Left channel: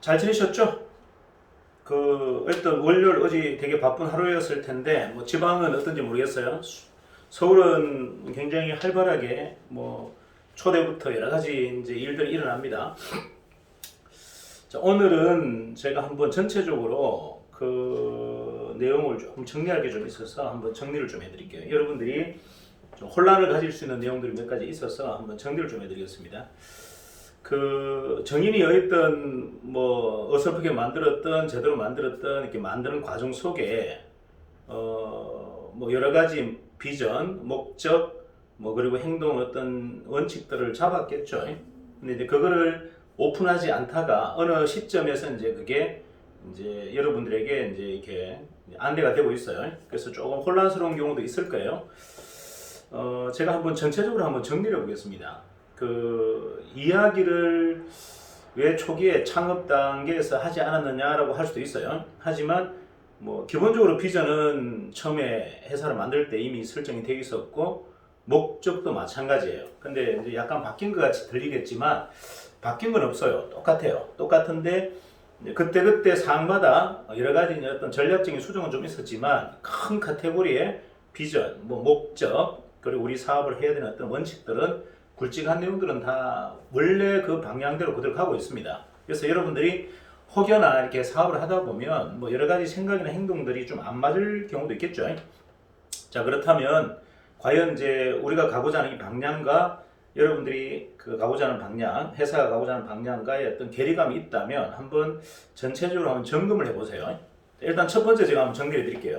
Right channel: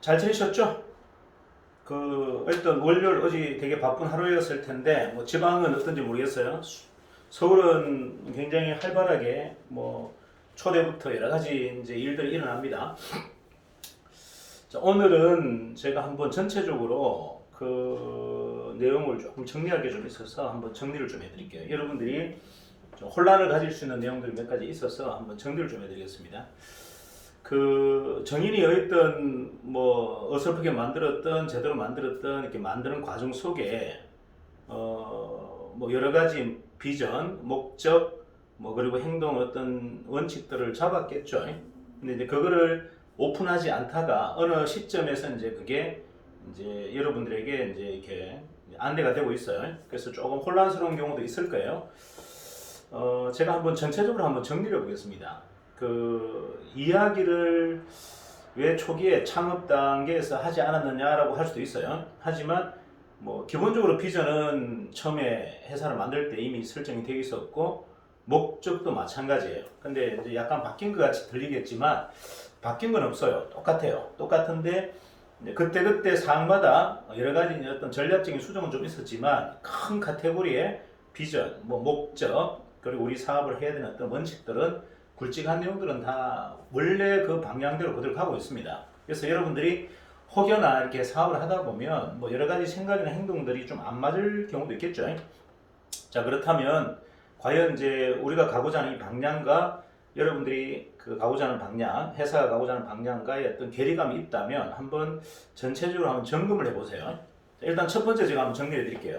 잘 지내셨죠? 일단 월요일 어제 되게 바쁜 하루였을 텐데, 뭐 지방은 어떤지 모르겠어요. 서울은 굉장히 활발하게 초대부터 여러 가지 이제 일들이 일어납니다. 자, 오늘은 제가 한번 전체적으로 그 내용을 조금 정리할 게 좀 있어서 한번 정리를 좀 해드릴게요. 여러분들이 좀 혼란을 가질 수 있는 내용들이 몇 가지 있어서 한번 정리를 좀 해드리겠습니다. 정인이 여있던 어설프게 만들었던 제대로 만들었던 이렇게 만드는 과정 속에 여러 가지 비전, 목적, 그리고 행동 어떤 원칙들을 잡았겠죠. 근데 이제 그거를 오픈하지 않다가 어느 시점에서 이제 그게 이제 여러분들에게 이제 이렇게 안내가 되고 있어요. 그래서 조금 혼란스러운 경우도 있을 거예요. 제가 한번 전체적으로 한번 정리를 해보겠습니다. 이야기를 왜 초기에 창업 단계에서 하지 않았느냐라고 할 수도 있어요. 하지만 기본적으로 비전은 처음에 회사를 만들 때 이미 설정이 되어 있었고 목적도 마찬가지예요. 근데 이제 약간 바뀐 것 같이 들리겠지만 바뀐 건 없어요. 똑같아요. 똑같은데 그때 상황마다 여러 가지 어떤 전략적인 수정은 좀 있었지만 큰 카테고리의 비전, 목적, 그리고 우리 사업을 해야 되는 어떤 원칙들은 굵직한 내용들은 다 원래 그 방향대로 그대로 가고 있습니다. 그래서 여러분들이 혹여나 이렇게 사업을 하다 보면 여러 가지 생각이나 행동들이 좀 안 맞을 경우도 있겠죠. 자, 그렇다면 과연 이제 우리가 가고자 하는 이 방향과 여러분들이 가고자 하는 방향, 회사가 가고자 하는 방향과의 어떤 괴리감이 있다면 한번 전체적으로 한번 점검을 해보세요. 일단 첫 번째 제가 한번 정리해 드릴게요.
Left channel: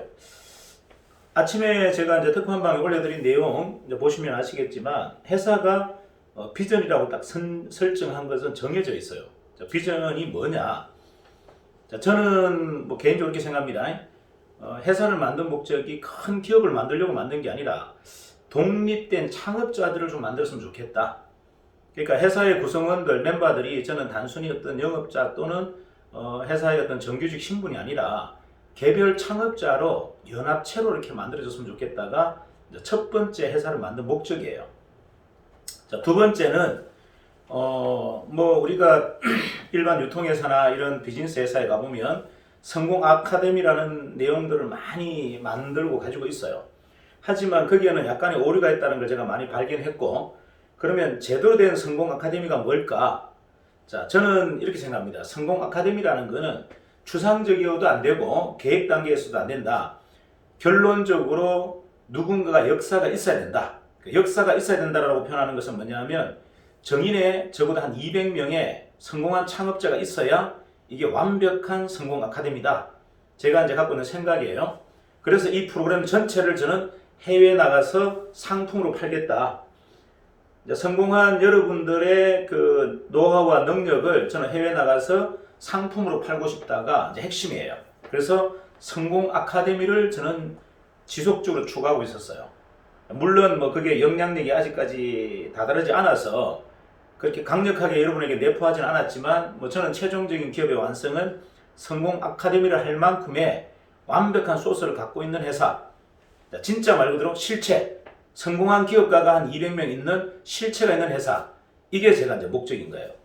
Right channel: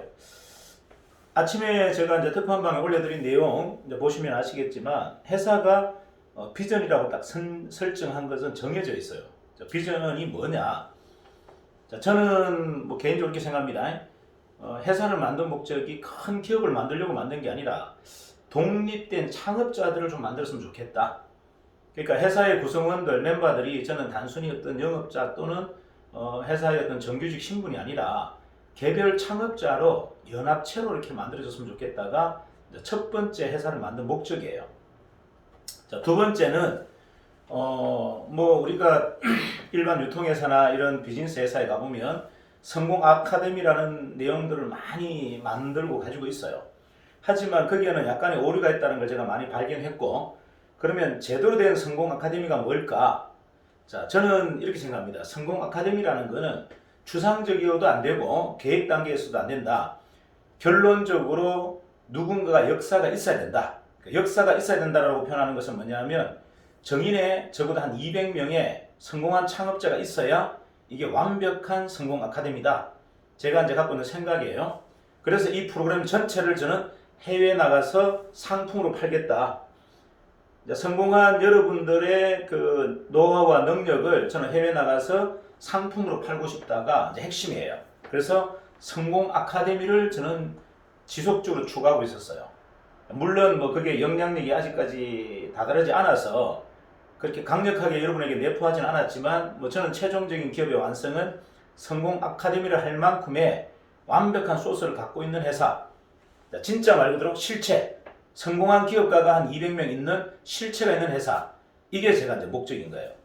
아침에 제가 이제 특판방에 올려드린 내용 이제 보시면 아시겠지만 회사가 비전이라고 딱 설정한 것은 정해져 있어요. 자, 비전이 뭐냐? 자, 저는 개인적으로 이렇게 생각합니다. 회사를 만든 목적이 큰 기업을 만들려고 만든 게 아니라 독립된 창업자들을 좀 만들었으면 좋겠다. 그러니까 회사의 구성원들, 멤버들이 저는 단순히 어떤 영업자 또는 회사의 어떤 정규직 신분이 아니라 개별 창업자로 연합체로 이렇게 만들어졌으면 좋겠다가 첫 번째 회사를 만든 목적이에요. 자, 두 번째는 우리가 일반 유통회사나 이런 비즈니스 회사에 가보면 성공 아카데미라는 내용들을 많이 만들고 가지고 있어요. 하지만 거기에는 약간의 오류가 있다는 걸 제가 많이 발견했고, 그러면 제대로 된 성공 아카데미가 뭘까? 자, 저는 이렇게 생각합니다. 성공 아카데미라는 거는 추상적이어도 안 되고 계획 단계에서도 안 된다. 결론적으로 누군가가 역사가 있어야 된다. 역사가 있어야 된다라고 표현하는 것은 뭐냐면 정인에 적어도 한 200명의 성공한 창업자가 있어야 이게 완벽한 성공 아카데미다. 제가 이제 갖고 있는 생각이에요. 그래서 이 프로그램 전체를 저는 해외에 나가서 상품으로 팔겠다. 성공한 여러분들의 그 노하우와 능력을 저는 해외에 나가서 상품으로 팔고 싶다가 이제 핵심이에요. 그래서 성공 아카데미를 저는 지속적으로 추구하고 있었어요. 물론 그게 영향력이 아직까지 다다르지 않아서 그렇게 강력하게 여러분에게 내포하진 않았지만 저는 최종적인 기업의 완성은 성공 아카데미를 할 만큼의 완벽한 소스를 갖고 있는 회사, 진짜 말 그대로 실체, 성공한 기업가가 한 200명 있는 실체가 있는 회사, 이게 제가 이제 목적인 거예요.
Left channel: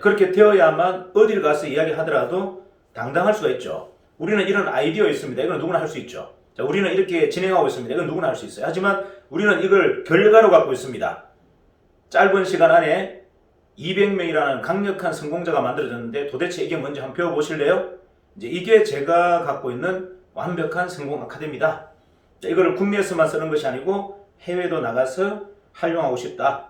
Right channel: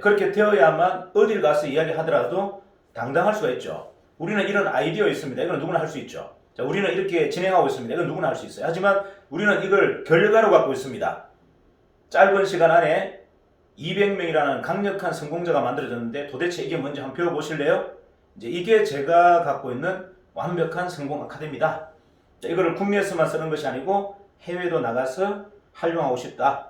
그렇게 되어야만 어딜 가서 이야기하더라도 당당할 수가 있죠. 우리는 이런 아이디어 있습니다. 이건 누구나 할 수 있죠. 자, 우리는 이렇게 진행하고 있습니다. 이건 누구나 할 수 있어요. 하지만 우리는 이걸 결과로 갖고 있습니다. 짧은 시간 안에 200명이라는 강력한 성공자가 만들어졌는데 도대체 이게 뭔지 한번 배워보실래요? 이제 이게 제가 갖고 있는 완벽한 성공 아카데미다. 자, 이거를 국내에서만 쓰는 것이 아니고 해외도 나가서 활용하고 싶다.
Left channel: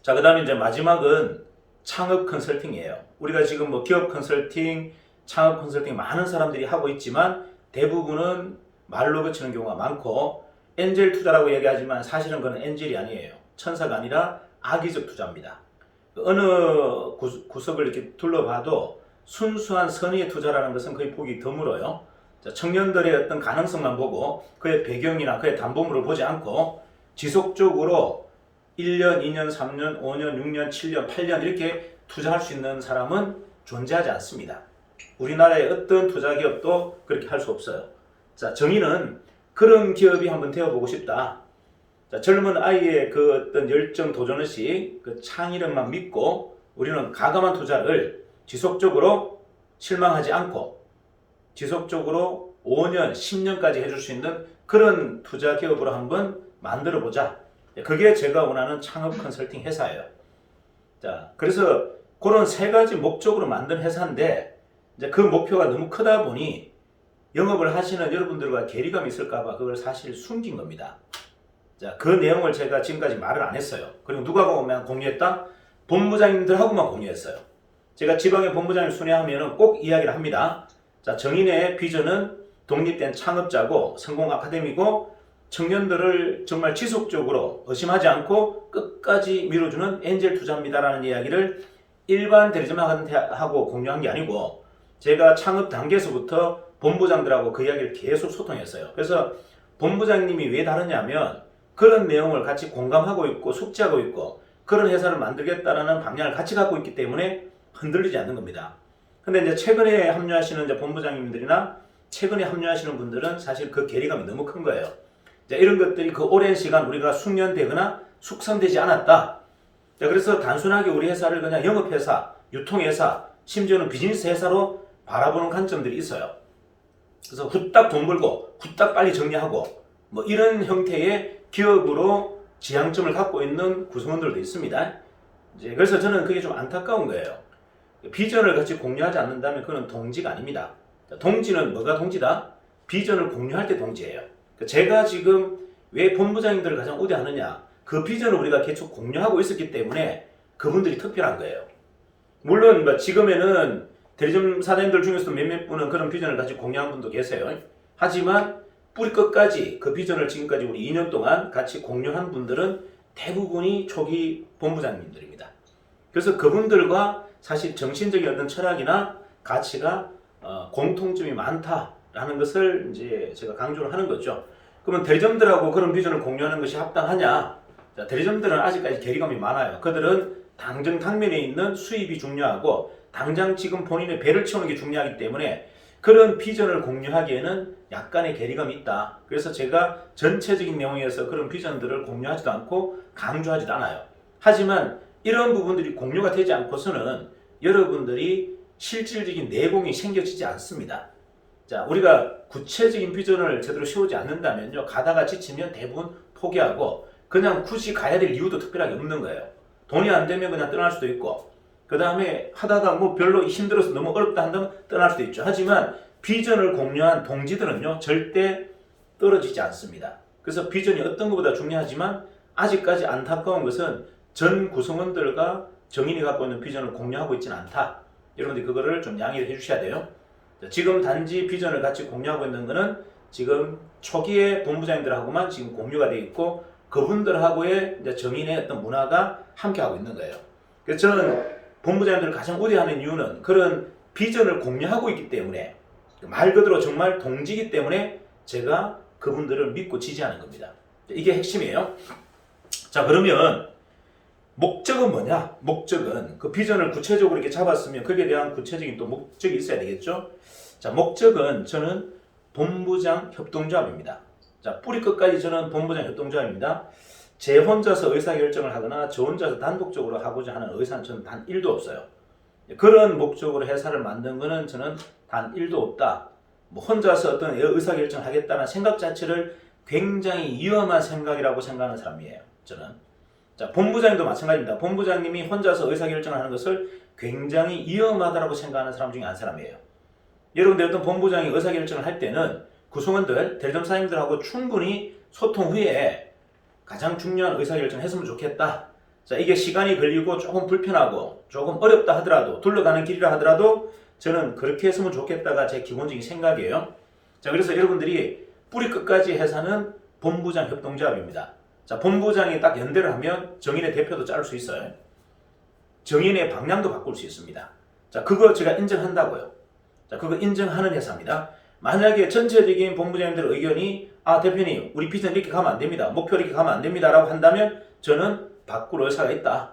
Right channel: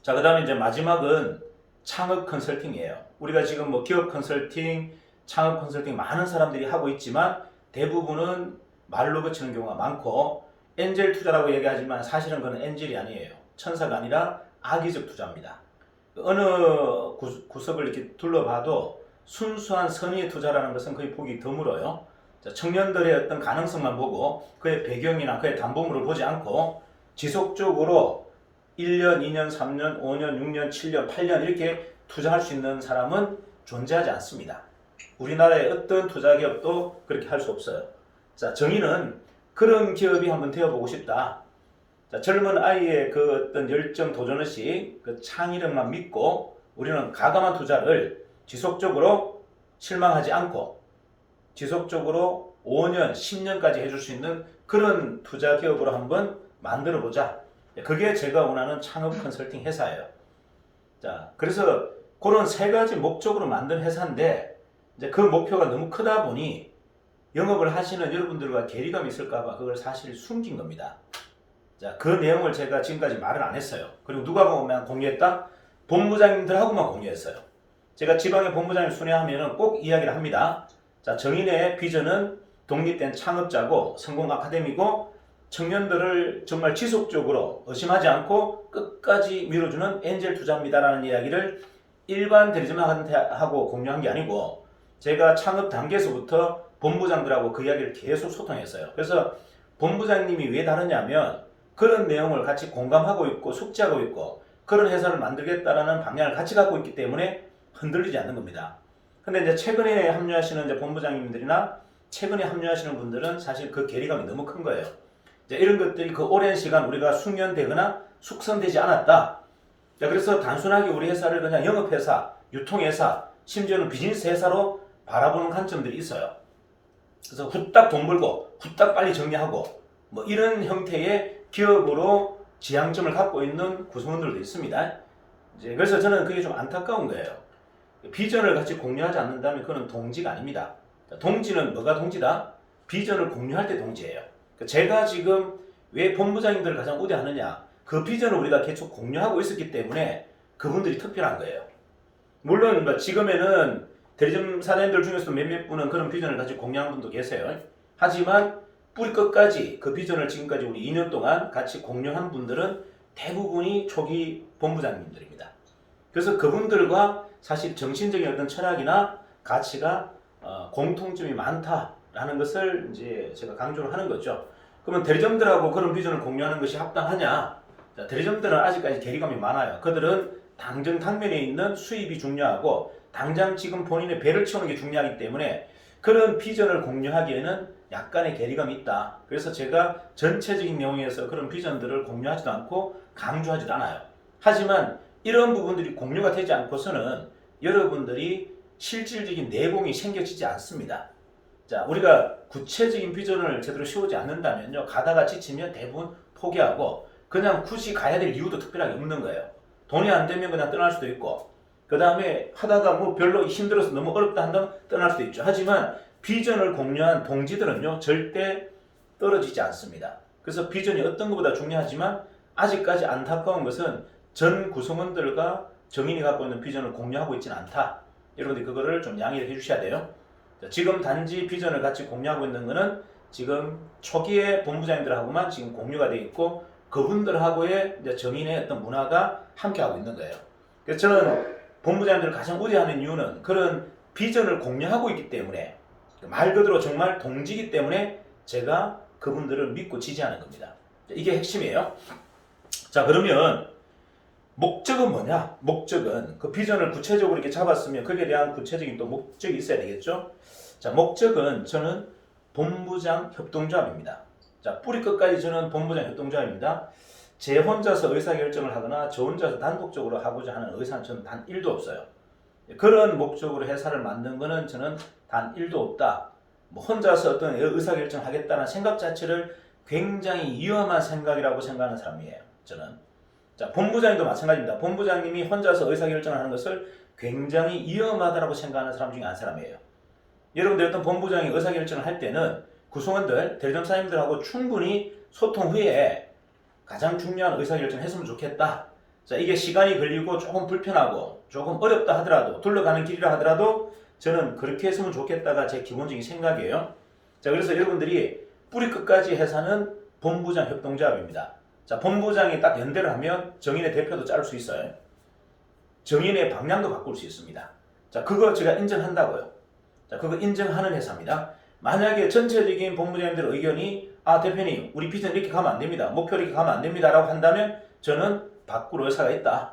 자, 그 다음에 이제 마지막은 창업 컨설팅이에요. 우리가 지금 기업 컨설팅, 창업 컨설팅 많은 사람들이 하고 있지만 대부분은 말로 그치는 경우가 많고 엔젤 투자라고 얘기하지만 사실은 그건 엔젤이 아니에요. 천사가 아니라 악의적 투자입니다. 어느 구석을 이렇게 둘러봐도 순수한 선의의 투자라는 것은 거의 보기 드물어요. 자, 청년들의 어떤 가능성만 보고 그의 배경이나 그의 담보물을 보지 않고 지속적으로 1년, 2년, 3년, 5년, 6년, 7년, 8년 이렇게 투자할 수 있는 사람은 존재하지 않습니다. 우리나라의 어떤 투자 기업도 그렇게 할 수 없어요. 자, 정의는 그런 기업이 한번 되어보고 싶다. 자, 젊은 아이의 그 어떤 열정 도전의식, 그 창의력만 믿고 우리는 가감한 투자를 지속적으로 실망하지 않고 지속적으로 5년, 10년까지 해줄 수 있는 그런 투자 기업으로 한번 만들어 보자. 그게 제가 원하는 창업 컨설팅 회사예요. 자, 그래서 그런 세 가지 목적으로 만든 회사인데 이제 그 목표가 너무 크다 보니 영업을 하시는 여러분들과 괴리감이 있을까봐 그걸 사실 숨긴 겁니다. 자, 그 내용을 제가 지금까지 말을 안 했어요. 그리고 누가 보면 공유했다? 본부장님들하고만 공유했어요. 제가 지방의 본부장님 순회하면 꼭 이야기를 합니다. 자, 정인의 비전은 독립된 창업자고 성공 아카데미고 청년들을 정말 지속적으로 의심하지 않고 끝까지 밀어주는 엔젤 투자입니다라는 이야기를 일반 대리점한테 하고 공유한 게 아니고 제가 창업 단계에서부터 본부장들하고 그 이야기를 계속 소통했어요. 그래서 본부장님이 왜 다르냐면 그런 내용을 같이 공감하고 있고 숙지하고 있고 그런 회사를 만들겠다라는 방향을 같이 갖고 있기 때문에 흔들리지 않는 겁니다. 근데 이제 최근에 합류하시는 이제 본부장님들이나 최근에 합류하시는 분들은 사실 그 괴리감이 너무 큰 거예요. 이제 이런 것들이 그 오랜 시간 우리가 숙련되거나 숙성되지 않았다. 자, 그래서 단순하게 우리 회사를 그냥 영업회사, 유통회사, 심지어는 비즈니스 회사로 바라보는 관점들이 있어요. 그래서 후딱 돈 벌고 후딱 빨리 정리하고 뭐 이런 형태의 기업으로 지향점을 갖고 있는 구성원들도 있습니다. 이제 그래서 저는 그게 좀 안타까운 거예요. 비전을 같이 공유하지 않는다면 그건 동지가 아닙니다. 동지는 뭐가 동지다? 비전을 공유할 때 동지예요. 제가 지금 왜 본부장님들을 가장 우대하느냐? 그 비전을 우리가 계속 공유하고 있었기 때문에 그분들이 특별한 거예요. 물론 뭐 지금에는 대리점 사장님들 중에서 몇몇 분은 그런 비전을 같이 공유한 분도 계세요. 하지만 뿌리 끝까지 그 비전을 지금까지 우리 2년 동안 같이 공유한 분들은 대부분이 초기 본부장님들입니다. 그래서 그분들과 사실 정신적인 어떤 철학이나 가치가 공통점이 많다라는 것을 이제 제가 강조를 하는 거죠. 그러면 대리점들하고 그런 비전을 공유하는 것이 합당하냐? 자, 대리점들은 아직까지 괴리감이 많아요. 그들은 당장 당면에 있는 수입이 중요하고 당장 지금 본인의 배를 채우는 게 중요하기 때문에 그런 비전을 공유하기에는 약간의 괴리감이 있다. 그래서 제가 전체적인 내용에서 그런 비전들을 공유하지도 않고 강조하지도 않아요. 하지만 이런 부분들이 공유가 되지 않고서는 여러분들이 실질적인 내공이 생겨지지 않습니다. 자, 우리가 구체적인 비전을 제대로 세우지 않는다면요, 가다가 지치면 대부분 포기하고 그냥 굳이 가야 될 이유도 특별하게 없는 거예요. 돈이 안 되면 그냥 떠날 수도 있고, 그 다음에 하다가 뭐 별로 힘들어서 너무 어렵다 한다면 떠날 수도 있죠. 하지만 비전을 공유한 동지들은요, 절대 떨어지지 않습니다. 그래서 비전이 어떤 것보다 중요하지만 아직까지 안타까운 것은 전 구성원들과 정인이 갖고 있는 비전을 공유하고 있지는 않다. 여러분들이 그거를 좀 양해를 해주셔야 돼요. 지금 단지 비전을 같이 공유하고 있는 것은 지금 초기에 본부장님들하고만 지금 공유가 되어 있고 그분들하고의 이제 정인의 어떤 문화가 함께하고 있는 거예요. 그래서 저는 본부장님들을 가장 우대하는 이유는 그런 비전을 공유하고 있기 때문에 말 그대로 정말 동지이기 때문에 제가 그분들을 믿고 지지하는 겁니다. 이게 핵심이에요. 자, 그러면 목적은 뭐냐? 목적은 그 비전을 구체적으로 이렇게 잡았으면 거기에 대한 구체적인 또 목적이 있어야 되겠죠? 자, 목적은 저는 본부장 협동조합입니다. 자, 뿌리 끝까지 저는 본부장 협동조합입니다. 제 혼자서 의사결정을 하거나 저 혼자서 단독적으로 하고자 하는 의사는 저는 단 1도 없어요. 그런 목적으로 회사를 만든 거는 저는 단 1도 없다. 뭐 혼자서 어떤 의사결정을 하겠다는 생각 자체를 굉장히 위험한 생각이라고 생각하는 사람이에요. 저는. 자, 본부장님도 마찬가지입니다. 본부장님이 혼자서 의사결정을 하는 것을 굉장히 위험하다고 생각하는 사람 중에 한 사람이에요. 여러분들 어떤 본부장이 의사결정을 할 때는 구성원들, 대리점 사장님들하고 충분히 소통 후에 가장 중요한 의사결정을 했으면 좋겠다. 자, 이게 시간이 걸리고 조금 불편하고 조금 어렵다 하더라도 둘러가는 길이라 하더라도 저는 그렇게 했으면 좋겠다가 제 기본적인 생각이에요. 자, 그래서 여러분들이 뿌리 끝까지 회사는 본부장 협동조합입니다. 자, 본부장이 딱 연대를 하면 정인의 대표도 자를 수 있어요. 정인의 방향도 바꿀 수 있습니다. 자, 그거 제가 인정한다고요. 자, 그거 인정하는 회사입니다. 만약에 전체적인 본부장님들 의견이 대표님 우리 비전 이렇게 가면 안 됩니다. 목표 이렇게 가면 안 됩니다. 라고 한다면 저는 바꿀 의사가 있다.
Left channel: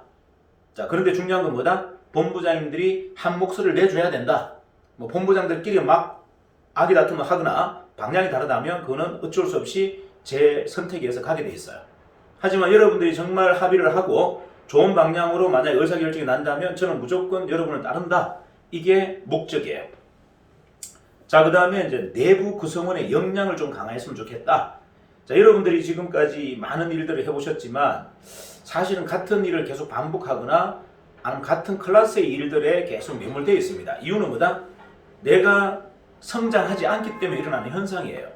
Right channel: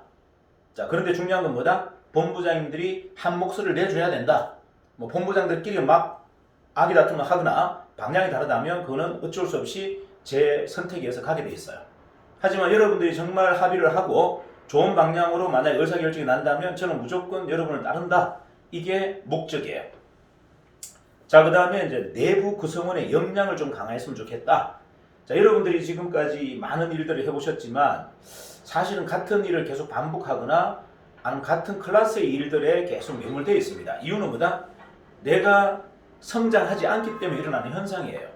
자, 그런데 중요한 건 뭐다? 본부장님들이 한 목소리를 내줘야 된다. 뭐 본부장들끼리 막 아기다툼을 하거나 방향이 다르다면 그거는 어쩔 수 없이 제 선택에 의해서 가게 돼 있어요. 하지만 여러분들이 정말 합의를 하고 좋은 방향으로 만약에 의사결정이 난다면 저는 무조건 여러분을 따른다. 이게 목적이에요. 자, 그 다음에 이제 내부 구성원의 역량을 좀 강화했으면 좋겠다. 자, 여러분들이 지금까지 많은 일들을 해보셨지만 사실은 같은 일을 계속 반복하거나 아니면 같은 클래스의 일들에 계속 매몰되어 있습니다. 이유는 뭐다? 내가 성장하지 않기 때문에 일어나는 현상이에요.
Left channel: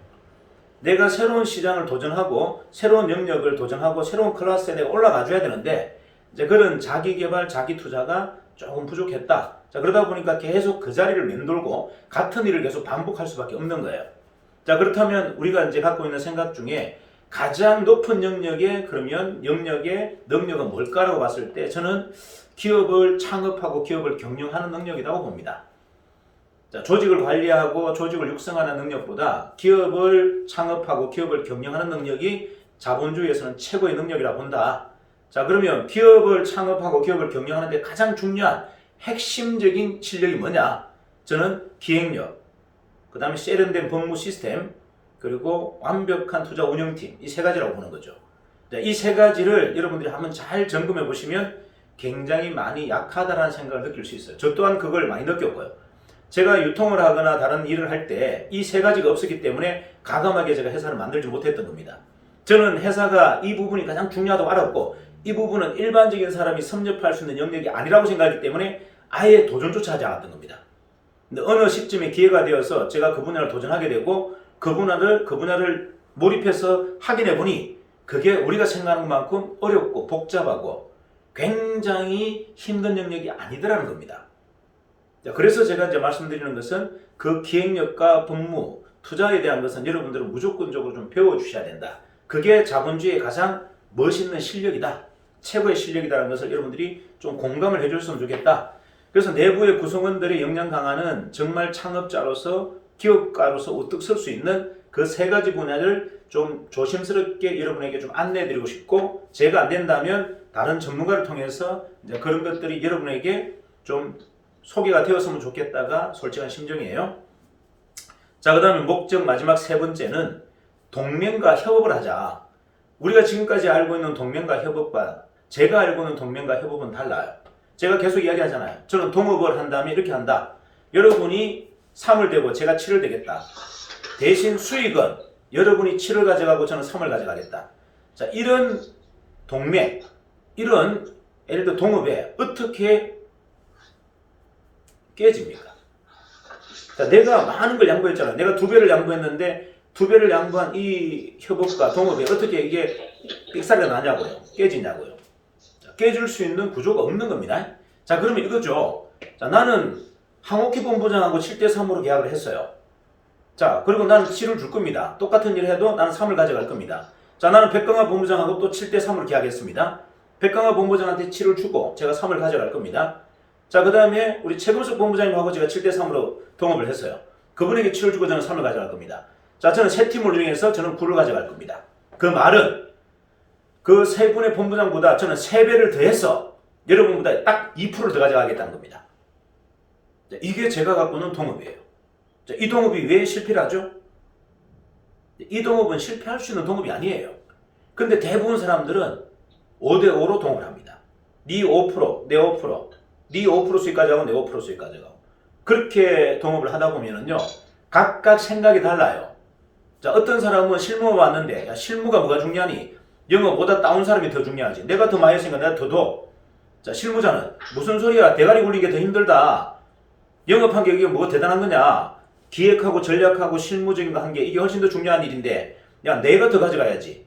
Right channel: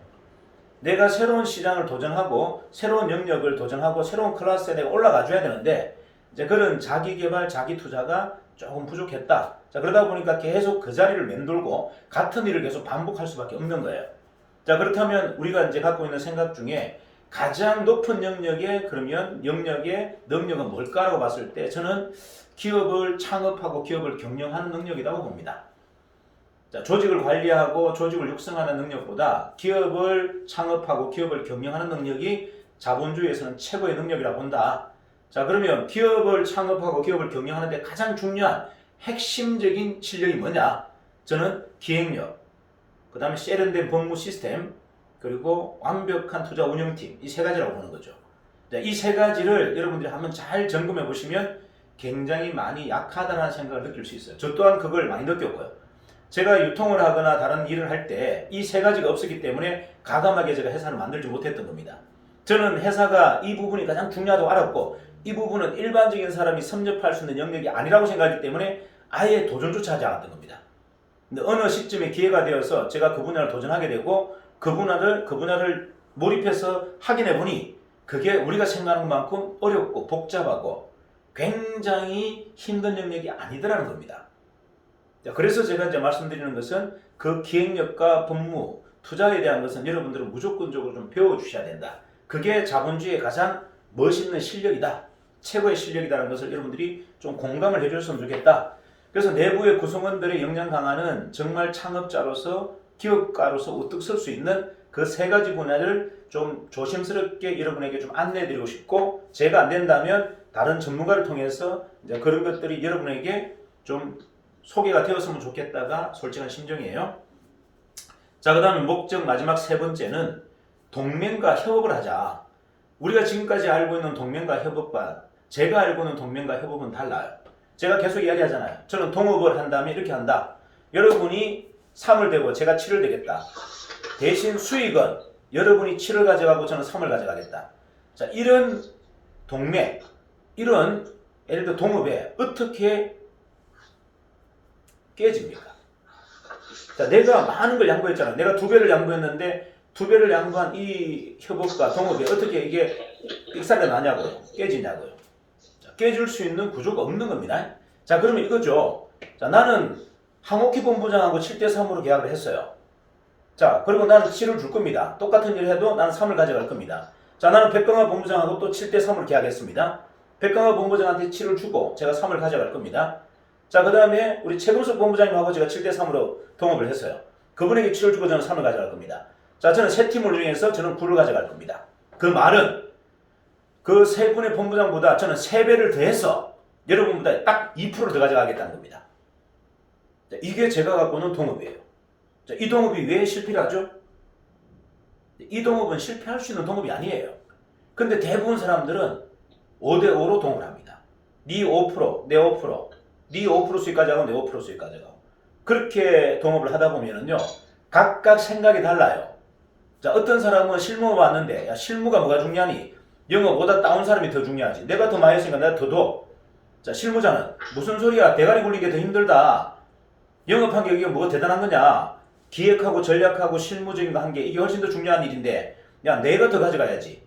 내가 새로운 시장을 도전하고 새로운 영역을 도전하고 새로운 클래스에 내가 올라가 줘야 되는데 이제 그런 자기 개발, 자기 투자가 조금 부족했다. 자, 그러다 보니까 계속 그 자리를 맴돌고 같은 일을 계속 반복할 수밖에 없는 거예요. 자, 그렇다면 우리가 이제 갖고 있는 생각 중에 가장 높은 영역의 그러면 영역의 능력은 뭘까라고 봤을 때 저는 기업을 창업하고 기업을 경영하는 능력이라고 봅니다. 자, 조직을 관리하고 조직을 육성하는 능력보다 기업을 창업하고 기업을 경영하는 능력이 자본주의에서는 최고의 능력이라고 본다. 자, 그러면 기업을 창업하고 기업을 경영하는데 가장 중요한 핵심적인 실력이 뭐냐? 저는 기획력, 그 다음에 세련된 법무 시스템, 그리고 완벽한 투자 운영팀, 이 세 가지라고 보는 거죠. 이 세 가지를 여러분들이 한번 잘 점검해 보시면 굉장히 많이 약하다는 생각을 느낄 수 있어요. 저 또한 그걸 많이 느꼈고요. 제가 유통을 하거나 다른 일을 할 때 이 세 가지가 없었기 때문에 가감하게 제가 회사를 만들지 못했던 겁니다. 저는 회사가 이 부분이 가장 중요하다고 알았고 이 부분은 일반적인 사람이 섭렵할 수 있는 영역이 아니라고 생각하기 때문에 아예 도전조차 하지 않았던 겁니다. 근데 어느 시점에 기회가 되어서 제가 그 분야를 도전하게 되고 그 분야를 몰입해서 확인해 보니 그게 우리가 생각하는 것만큼 어렵고 복잡하고 굉장히 힘든 영역이 아니더라는 겁니다. 그래서 제가 이제 말씀드리는 것은 그 기획력과 법무, 투자에 대한 것은 여러분들은 무조건적으로 좀 배워주셔야 된다. 그게 자본주의의 가장 멋있는 실력이다. 최고의 실력이라는 것을 여러분들이 좀 공감을 해줬으면 좋겠다. 그래서 내부의 구성원들의 역량 강화는 정말 창업자로서 기업가로서 우뚝 설 수 있는 그 세 가지 분야를 좀 조심스럽게 여러분에게 좀 안내해드리고 싶고 제가 안 된다면 다른 전문가를 통해서 이제 그런 것들이 여러분에게 좀 소개가 되었으면 좋겠다가 솔직한 심정이에요. 자, 그 다음에 목적 마지막 세 번째는 동맹과 협업을 하자. 우리가 지금까지 알고 있는 동맹과 협업과 제가 알고 있는 동맹과 협업은 달라요. 제가 계속 이야기하잖아요. 저는 동업을 한다면 이렇게 한다. 여러분이 3을 대고 제가 7을 대겠다. 대신 수익은 여러분이 7을 가져가고 저는 3을 가져가겠다. 자, 이런 동맹, 이런 예를 들어 동업에 어떻게 깨집니까? 자, 내가 많은 걸 양보했잖아요. 내가 2배를 양보했는데 2배를 양보한 이 협업과 동업에 어떻게 이게 삑사리가 나냐고요. 깨지냐고요. 자, 깨질 수 있는 구조가 없는 겁니다. 자, 그러면 이거죠. 자, 나는 황옥희 본부장하고 7대3으로 계약을 했어요. 자, 그리고 나는 7을 줄 겁니다. 똑같은 일을 해도 나는 3을 가져갈 겁니다. 자, 나는 백강화 본부장하고 또 7대3으로 계약했습니다. 백강화 본부장한테 7을 주고 제가 3을 가져갈 겁니다. 자, 그 다음에 우리 최금석 본부장님하고 제가 7대3으로 동업을 했어요. 그분에게 7을 주고 저는 3을 가져갈 겁니다. 자, 저는 세 팀을 운영해서 저는 9를 가져갈 겁니다. 그 말은 그 세 분의 본부장보다 저는 3배를 더해서 여러분보다 딱 2%를 더 가져가겠다는 겁니다. 자, 이게 제가 갖고 있는 동업이에요. 자, 이 동업이 왜 실패를 하죠? 이 동업은 실패할 수 있는 동업이 아니에요. 근데 대부분 사람들은 5대5로 동업을 합니다. 네 5%, 내 5%, 네 5% 수익 가져가고 내 5% 수익 가져가고 그렇게 동업을 하다 보면은요 각각 생각이 달라요. 자, 어떤 사람은 실무 왔는데 야, 실무가 뭐가 중요하니? 영어보다 따온 사람이 더 중요하지. 내가 더 많이 했으니까 내가 더 줘. 자, 실무자는 무슨 소리야? 대가리 굴리기 더 힘들다. 영업한 게 이게 뭐가 대단한 거냐? 기획하고 전략하고 실무적인 거 한 게 이게 훨씬 더 중요한 일인데 야, 내가 더 가져가야지.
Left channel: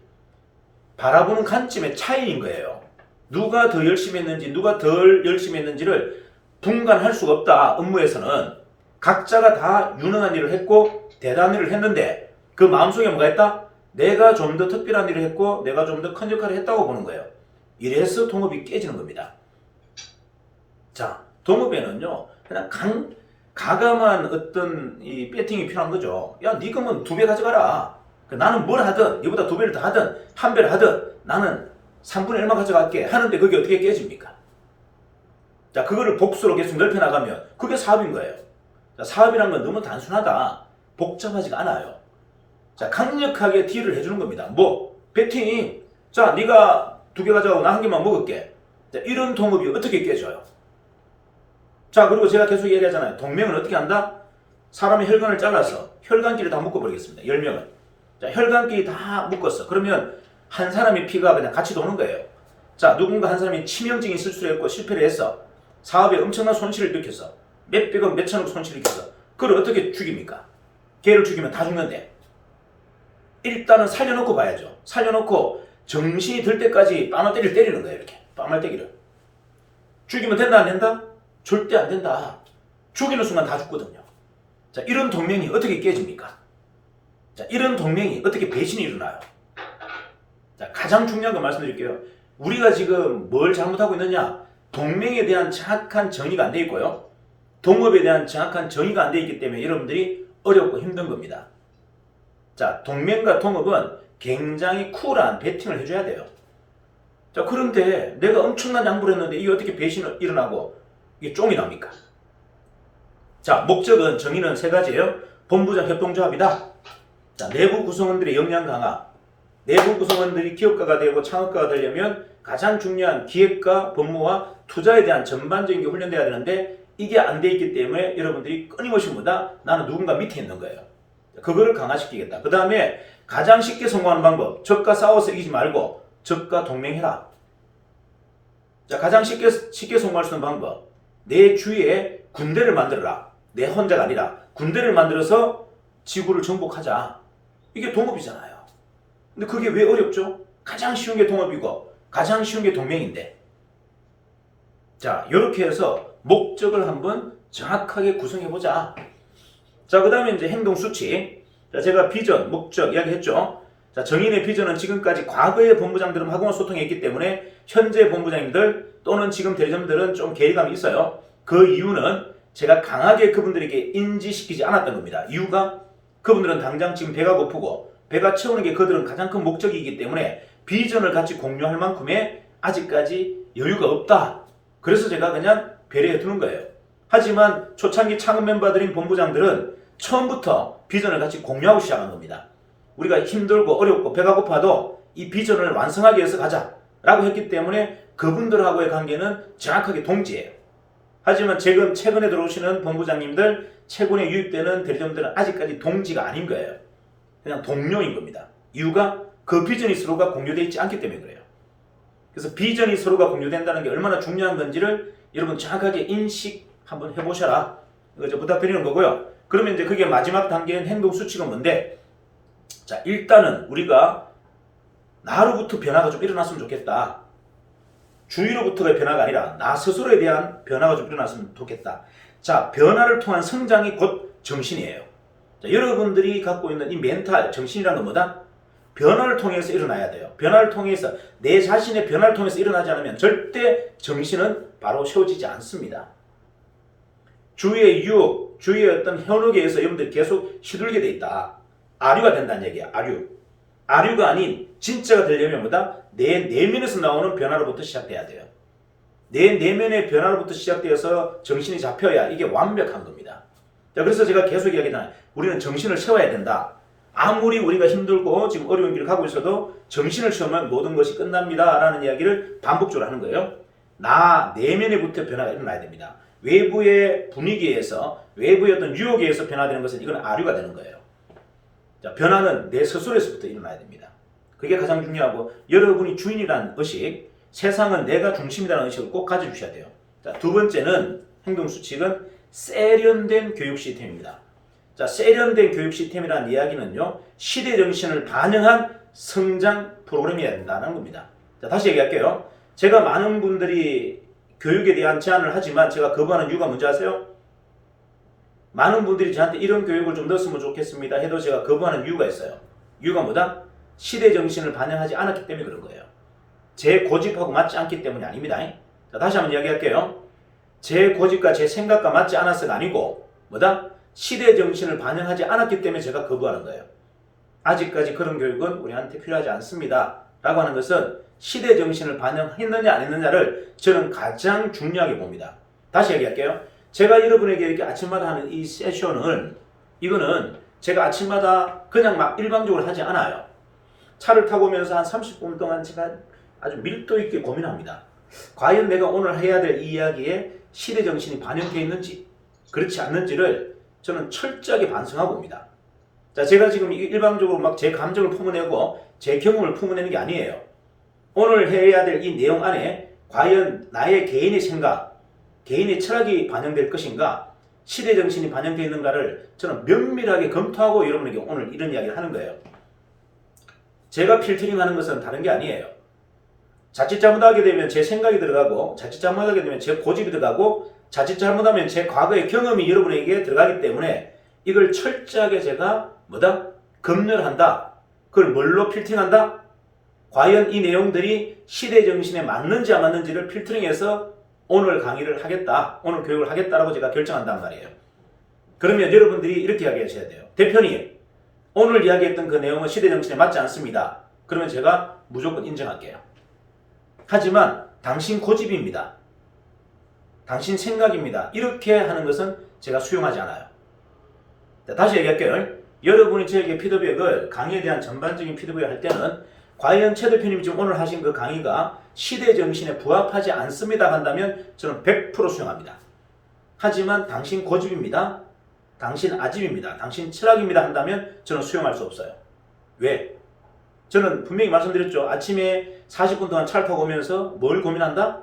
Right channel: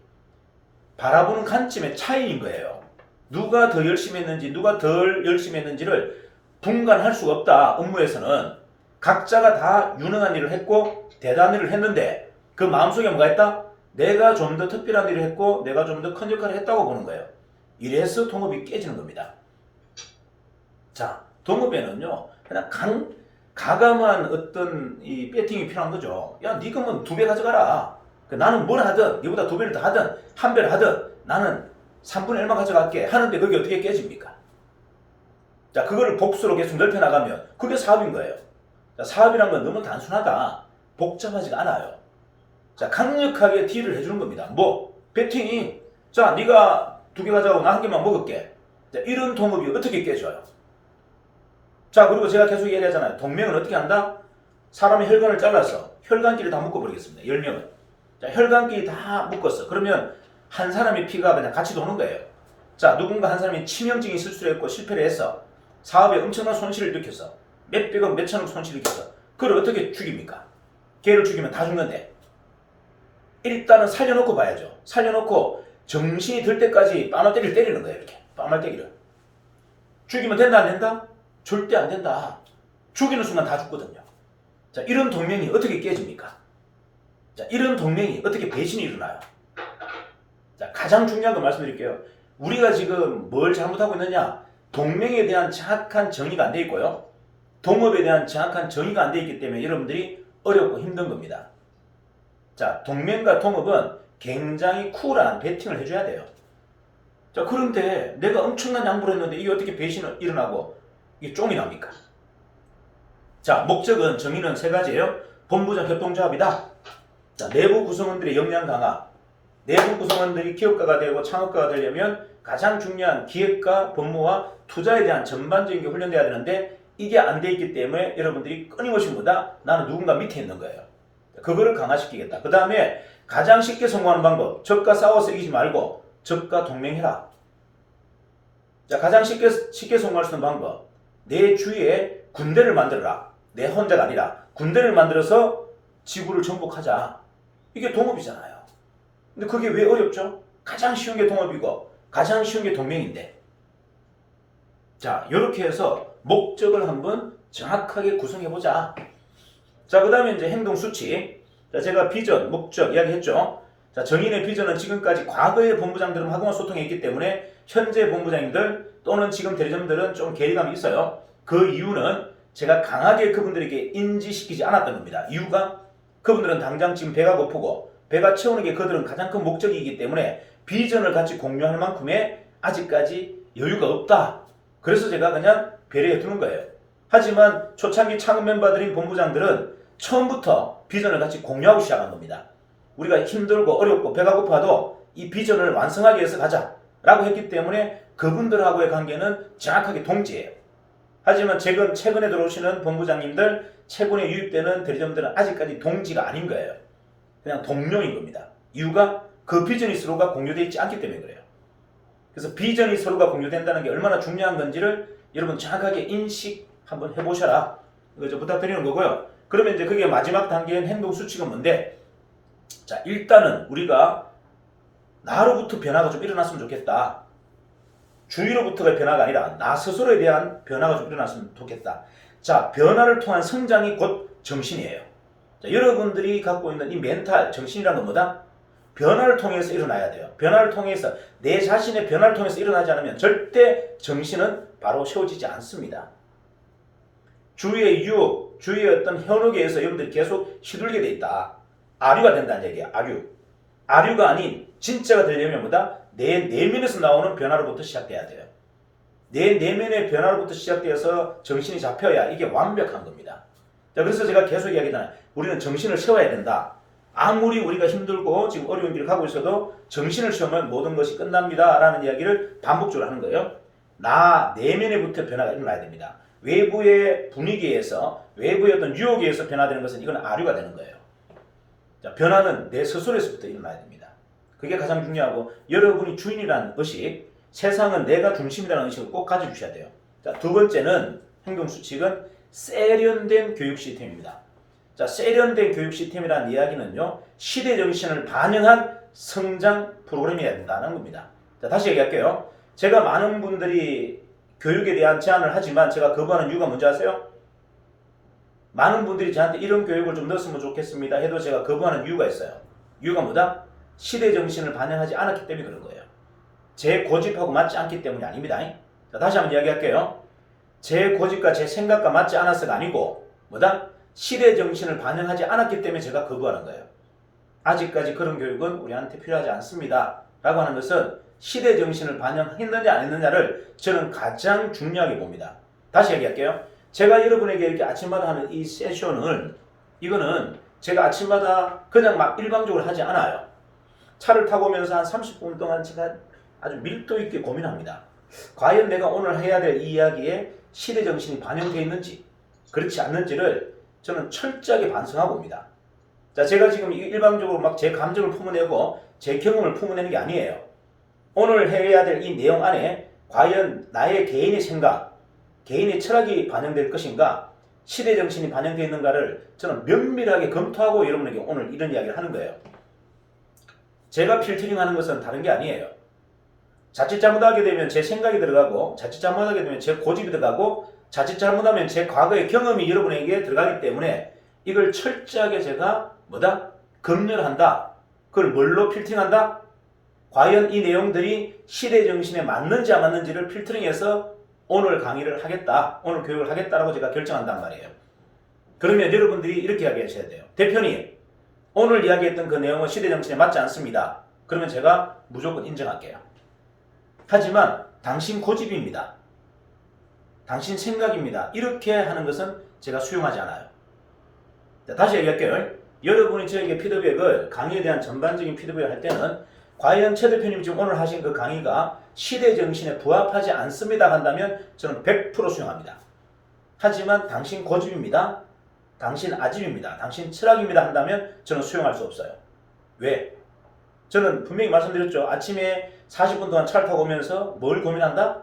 바라보는 관점의 차이인 거예요. 누가 더 열심히 했는지 누가 덜 열심히 했는지를 분간할 수가 없다. 업무에서는 각자가 다 유능한 일을 했고 대단한 일을 했는데 그 마음속에 뭐가 있다? 내가 좀 더 특별한 일을 했고 내가 좀 더 큰 역할을 했다고 보는 거예요. 이래서 동업이 깨지는 겁니다. 자, 동업에는요 그냥 가감한 어떤 이 배팅이 필요한 거죠. 야, 네가 뭐 2배 가져가라. 나는 뭘 하든 이보다 2배를 더 하든 1배를 하든 나는 3분의 1만 가져갈게 하는데 그게 어떻게 깨집니까? 자, 그거를 복수로 계속 넓혀나가면 그게 사업인 거예요. 자, 사업이라는 건 너무 단순하다. 복잡하지가 않아요. 자, 강력하게 딜을 해주는 겁니다. 뭐? 배팅. 자, 네가 2개 가져가고 나 1개만 먹을게. 자, 이런 동업이 어떻게 깨져요? 자, 그리고 제가 계속 얘기하잖아요. 동맹은 어떻게 한다? 사람의 혈관을 잘라서 혈관끼리 다 묶어버리겠습니다. 10명을. 자, 혈관끼리 다 묶었어. 그러면 한 사람의 피가 그냥 같이 도는 거예요. 자, 누군가 한 사람이 치명적인 실수를 했고 실패를 했어. 사업에 엄청난 손실을 일으켰어. 몇백억, 몇천억 손실을 일으켰어. 그걸 어떻게 죽입니까? 걔를 죽이면 다 죽는데. 일단은 살려놓고 봐야죠. 살려놓고 정신이 들 때까지 빠말때기를 때리는 거예요. 이렇게 빠말때기를. 죽이면 된다 안 된다? 절대 안 된다. 죽이는 순간 다 죽거든요. 자, 이런 동맹이 어떻게 깨집니까? 자, 이런 동맹이 어떻게 배신이 일어나요? 자, 가장 중요한 거 말씀드릴게요. 우리가 지금 뭘 잘못하고 있느냐? 동맹에 대한 정확한 정의가 안 돼 있고요. 동업에 대한 정확한 정의가 안 돼 있기 때문에 여러분들이 어렵고 힘든 겁니다. 자, 동맹과 동업은 굉장히 쿨한 배팅을 해줘야 돼요. 자, 그런데 내가 엄청난 양보를 했는데 이게 어떻게 배신이 일어나고 이게 쫑이 납니까? 자, 목적은 정의는 세 가지예요. 본부장 협동조합이다. 자, 내부 구성원들의 역량 강화. 내부 구성원들이 기업가가 되고 창업가가 되려면 가장 중요한 기획과 법무와 투자에 대한 전반적인 게 훈련돼야 되는데 이게 안 돼 있기 때문에 여러분들이 끊임없이 뭐다? 나는 누군가 밑에 있는 거예요. 그거를 강화시키겠다. 그 다음에 가장 쉽게 성공하는 방법. 적과 싸워서 이기지 말고 적과 동맹해라. 자, 가장 쉽게 성공할 수 있는 방법. 내 주위에 군대를 만들어라. 내 혼자가 아니라 군대를 만들어서 지구를 정복하자. 이게 동업이잖아요. 근데 그게 왜 어렵죠? 가장 쉬운 게 동업이고 가장 쉬운 게 동맹인데. 자, 이렇게 해서 목적을 한번 정확하게 구성해보자. 자, 그 다음에 이제 행동 수치. 자, 제가 비전, 목적 이야기했죠. 자, 정인의 비전은 지금까지 과거의 본부장들은 하고만 소통했기 때문에 현재 본부장님들 또는 지금 대리점들은 좀 괴리감이 있어요. 그 이유는 제가 강하게 그분들에게 인지시키지 않았던 겁니다. 이유가 그분들은 당장 지금 배가 고프고 배가 채우는 게 그들은 가장 큰 목적이기 때문에 비전을 같이 공유할 만큼의 아직까지 여유가 없다. 그래서 제가 그냥 배려해 두는 거예요. 하지만 초창기 창업 멤버들인 본부장들은 처음부터 비전을 같이 공유하고 시작한 겁니다. 우리가 힘들고 어렵고 배가 고파도 이 비전을 완성하기 위해서 가자 라고 했기 때문에 그분들하고의 관계는 정확하게 동지예요. 하지만 최근에 들어오시는 본부장님들, 최근에 유입되는 대리점들은 아직까지 동지가 아닌 거예요. 그냥 동료인 겁니다. 이유가 그 비전이 서로가 공유되어 있지 않기 때문에 그래요. 그래서 비전이 서로가 공유된다는 게 얼마나 중요한 건지를 여러분 정확하게 인식 한번 해보셔라. 이거 부탁드리는 거고요. 그러면 이제 그게 마지막 단계인 행동 수치가 뭔데? 자, 일단은 우리가 나로부터 변화가 좀 일어났으면 좋겠다. 주위로부터가 변화가 아니라 나 스스로에 대한 변화가 좀 일어났으면 좋겠다. 자, 변화를 통한 성장이 곧 정신이에요. 자, 여러분들이 갖고 있는 이 멘탈, 정신이라는 건 뭐다? 변화를 통해서 일어나야 돼요. 변화를 통해서, 내 자신의 변화를 통해서 일어나지 않으면 절대 정신은 바로 세워지지 않습니다. 주위의 유혹, 주위의 어떤 현혹에 의해서 여러분들이 계속 시들게 돼 있다. 아류가 된다는 얘기야. 아류가 아닌 진짜가 되려면 뭐다? 내 내면에서 나오는 변화로부터 시작돼야 돼요. 내 내면의 변화로부터 시작되어서 정신이 잡혀야 이게 완벽한 겁니다. 자, 그래서 제가 계속 이야기하잖아요. 우리는 정신을 세워야 된다. 아무리 우리가 힘들고 지금 어려운 길을 가고 있어도 정신을 세우면 모든 것이 끝납니다. 라는 이야기를 반복적으로 하는 거예요. 나 내면에부터 변화가 일어나야 됩니다. 외부의 분위기에서, 외부의 어떤 유혹에 의해서 변화되는 것은 이건 아류가 되는 거예요. 자, 변화는 내 스스로에서부터 일어나야 됩니다. 그게 가장 중요하고, 여러분이 주인이라는 의식, 세상은 내가 중심이라는 의식을 꼭 가져주셔야 돼요. 자, 두 번째는 행동 수칙은 세련된 교육 시스템입니다. 자, 세련된 교육 시스템이라는 이야기는요, 시대 정신을 반영한 성장 프로그램이어야 된다는 겁니다. 자, 다시 얘기할게요. 제가 많은 분들이 교육에 대한 제안을 하지만 제가 거부하는 이유가 뭔지 아세요? 많은 분들이 저한테 이런 교육을 좀 넣었으면 좋겠습니다 해도 제가 거부하는 이유가 있어요. 이유가 뭐다? 시대 정신을 반영하지 않았기 때문에 그런 거예요. 제 고집하고 맞지 않기 때문이 아닙니다. 자, 다시 한번 이야기할게요. 제 고집과 제 생각과 맞지 않아서가 아니고 뭐다? 시대 정신을 반영하지 않았기 때문에 제가 거부하는 거예요. 아직까지 그런 교육은 우리한테 필요하지 않습니다 라고 하는 것은 시대 정신을 반영했느냐 안 했느냐를 저는 가장 중요하게 봅니다. 다시 얘기할게요. 제가 여러분에게 이렇게 아침마다 하는 이 세션은, 이거는 제가 아침마다 그냥 막 일방적으로 하지 않아요. 차를 타고 오면서 한 30분 동안 제가 아주 밀도 있게 고민합니다. 과연 내가 오늘 해야 될 이 이야기에 시대 정신이 반영되어 있는지 그렇지 않는지를 저는 철저하게 반성하고 옵니다. 자, 제가 지금 일방적으로 막 제 감정을 품어내고 제 경험을 품어내는 게 아니에요. 오늘 해야 될 이 내용 안에 과연 나의 개인의 생각, 개인의 철학이 반영될 것인가, 시대 정신이 반영되어 있는가를 저는 면밀하게 검토하고 여러분에게 오늘 이런 이야기를 하는 거예요. 제가 필터링하는 것은 다른 게 아니에요. 자칫 잘못하게 되면 제 생각이 들어가고, 자칫 잘못하게 되면 제 고집이 들어가고, 자칫 잘못하면 제 과거의 경험이 여러분에게 들어가기 때문에 이걸 철저하게 제가 검열한다. 그걸 뭘로 필터링한다? 과연 이 내용들이 시대 정신에 맞는지 안 맞는지를 필터링해서 오늘 강의를 하겠다, 오늘 교육을 하겠다라고 제가 결정한단 말이에요. 그러면 여러분들이 이렇게 이야기하셔야 돼요. 대표님, 오늘 이야기했던 그 내용은 시대 정신에 맞지 않습니다. 그러면 제가 무조건 인정할게요. 하지만 당신 고집입니다. 당신 생각입니다. 이렇게 하는 것은 제가 수용하지 않아요. 다시 얘기할게요. 여러분이 저에게 피드백을, 강의에 대한 전반적인 피드백을 할 때는 과연 최 대표님이 지금 오늘 하신 그 강의가 시대 정신에 부합하지 않습니다 한다면 저는 100% 수용합니다. 하지만 당신 고집입니다, 당신 아집입니다, 당신 철학입니다 한다면 저는 수용할 수 없어요. 왜? 저는 분명히 말씀드렸죠. 아침에 40분 동안 차를 타고 오면서 뭘 고민한다?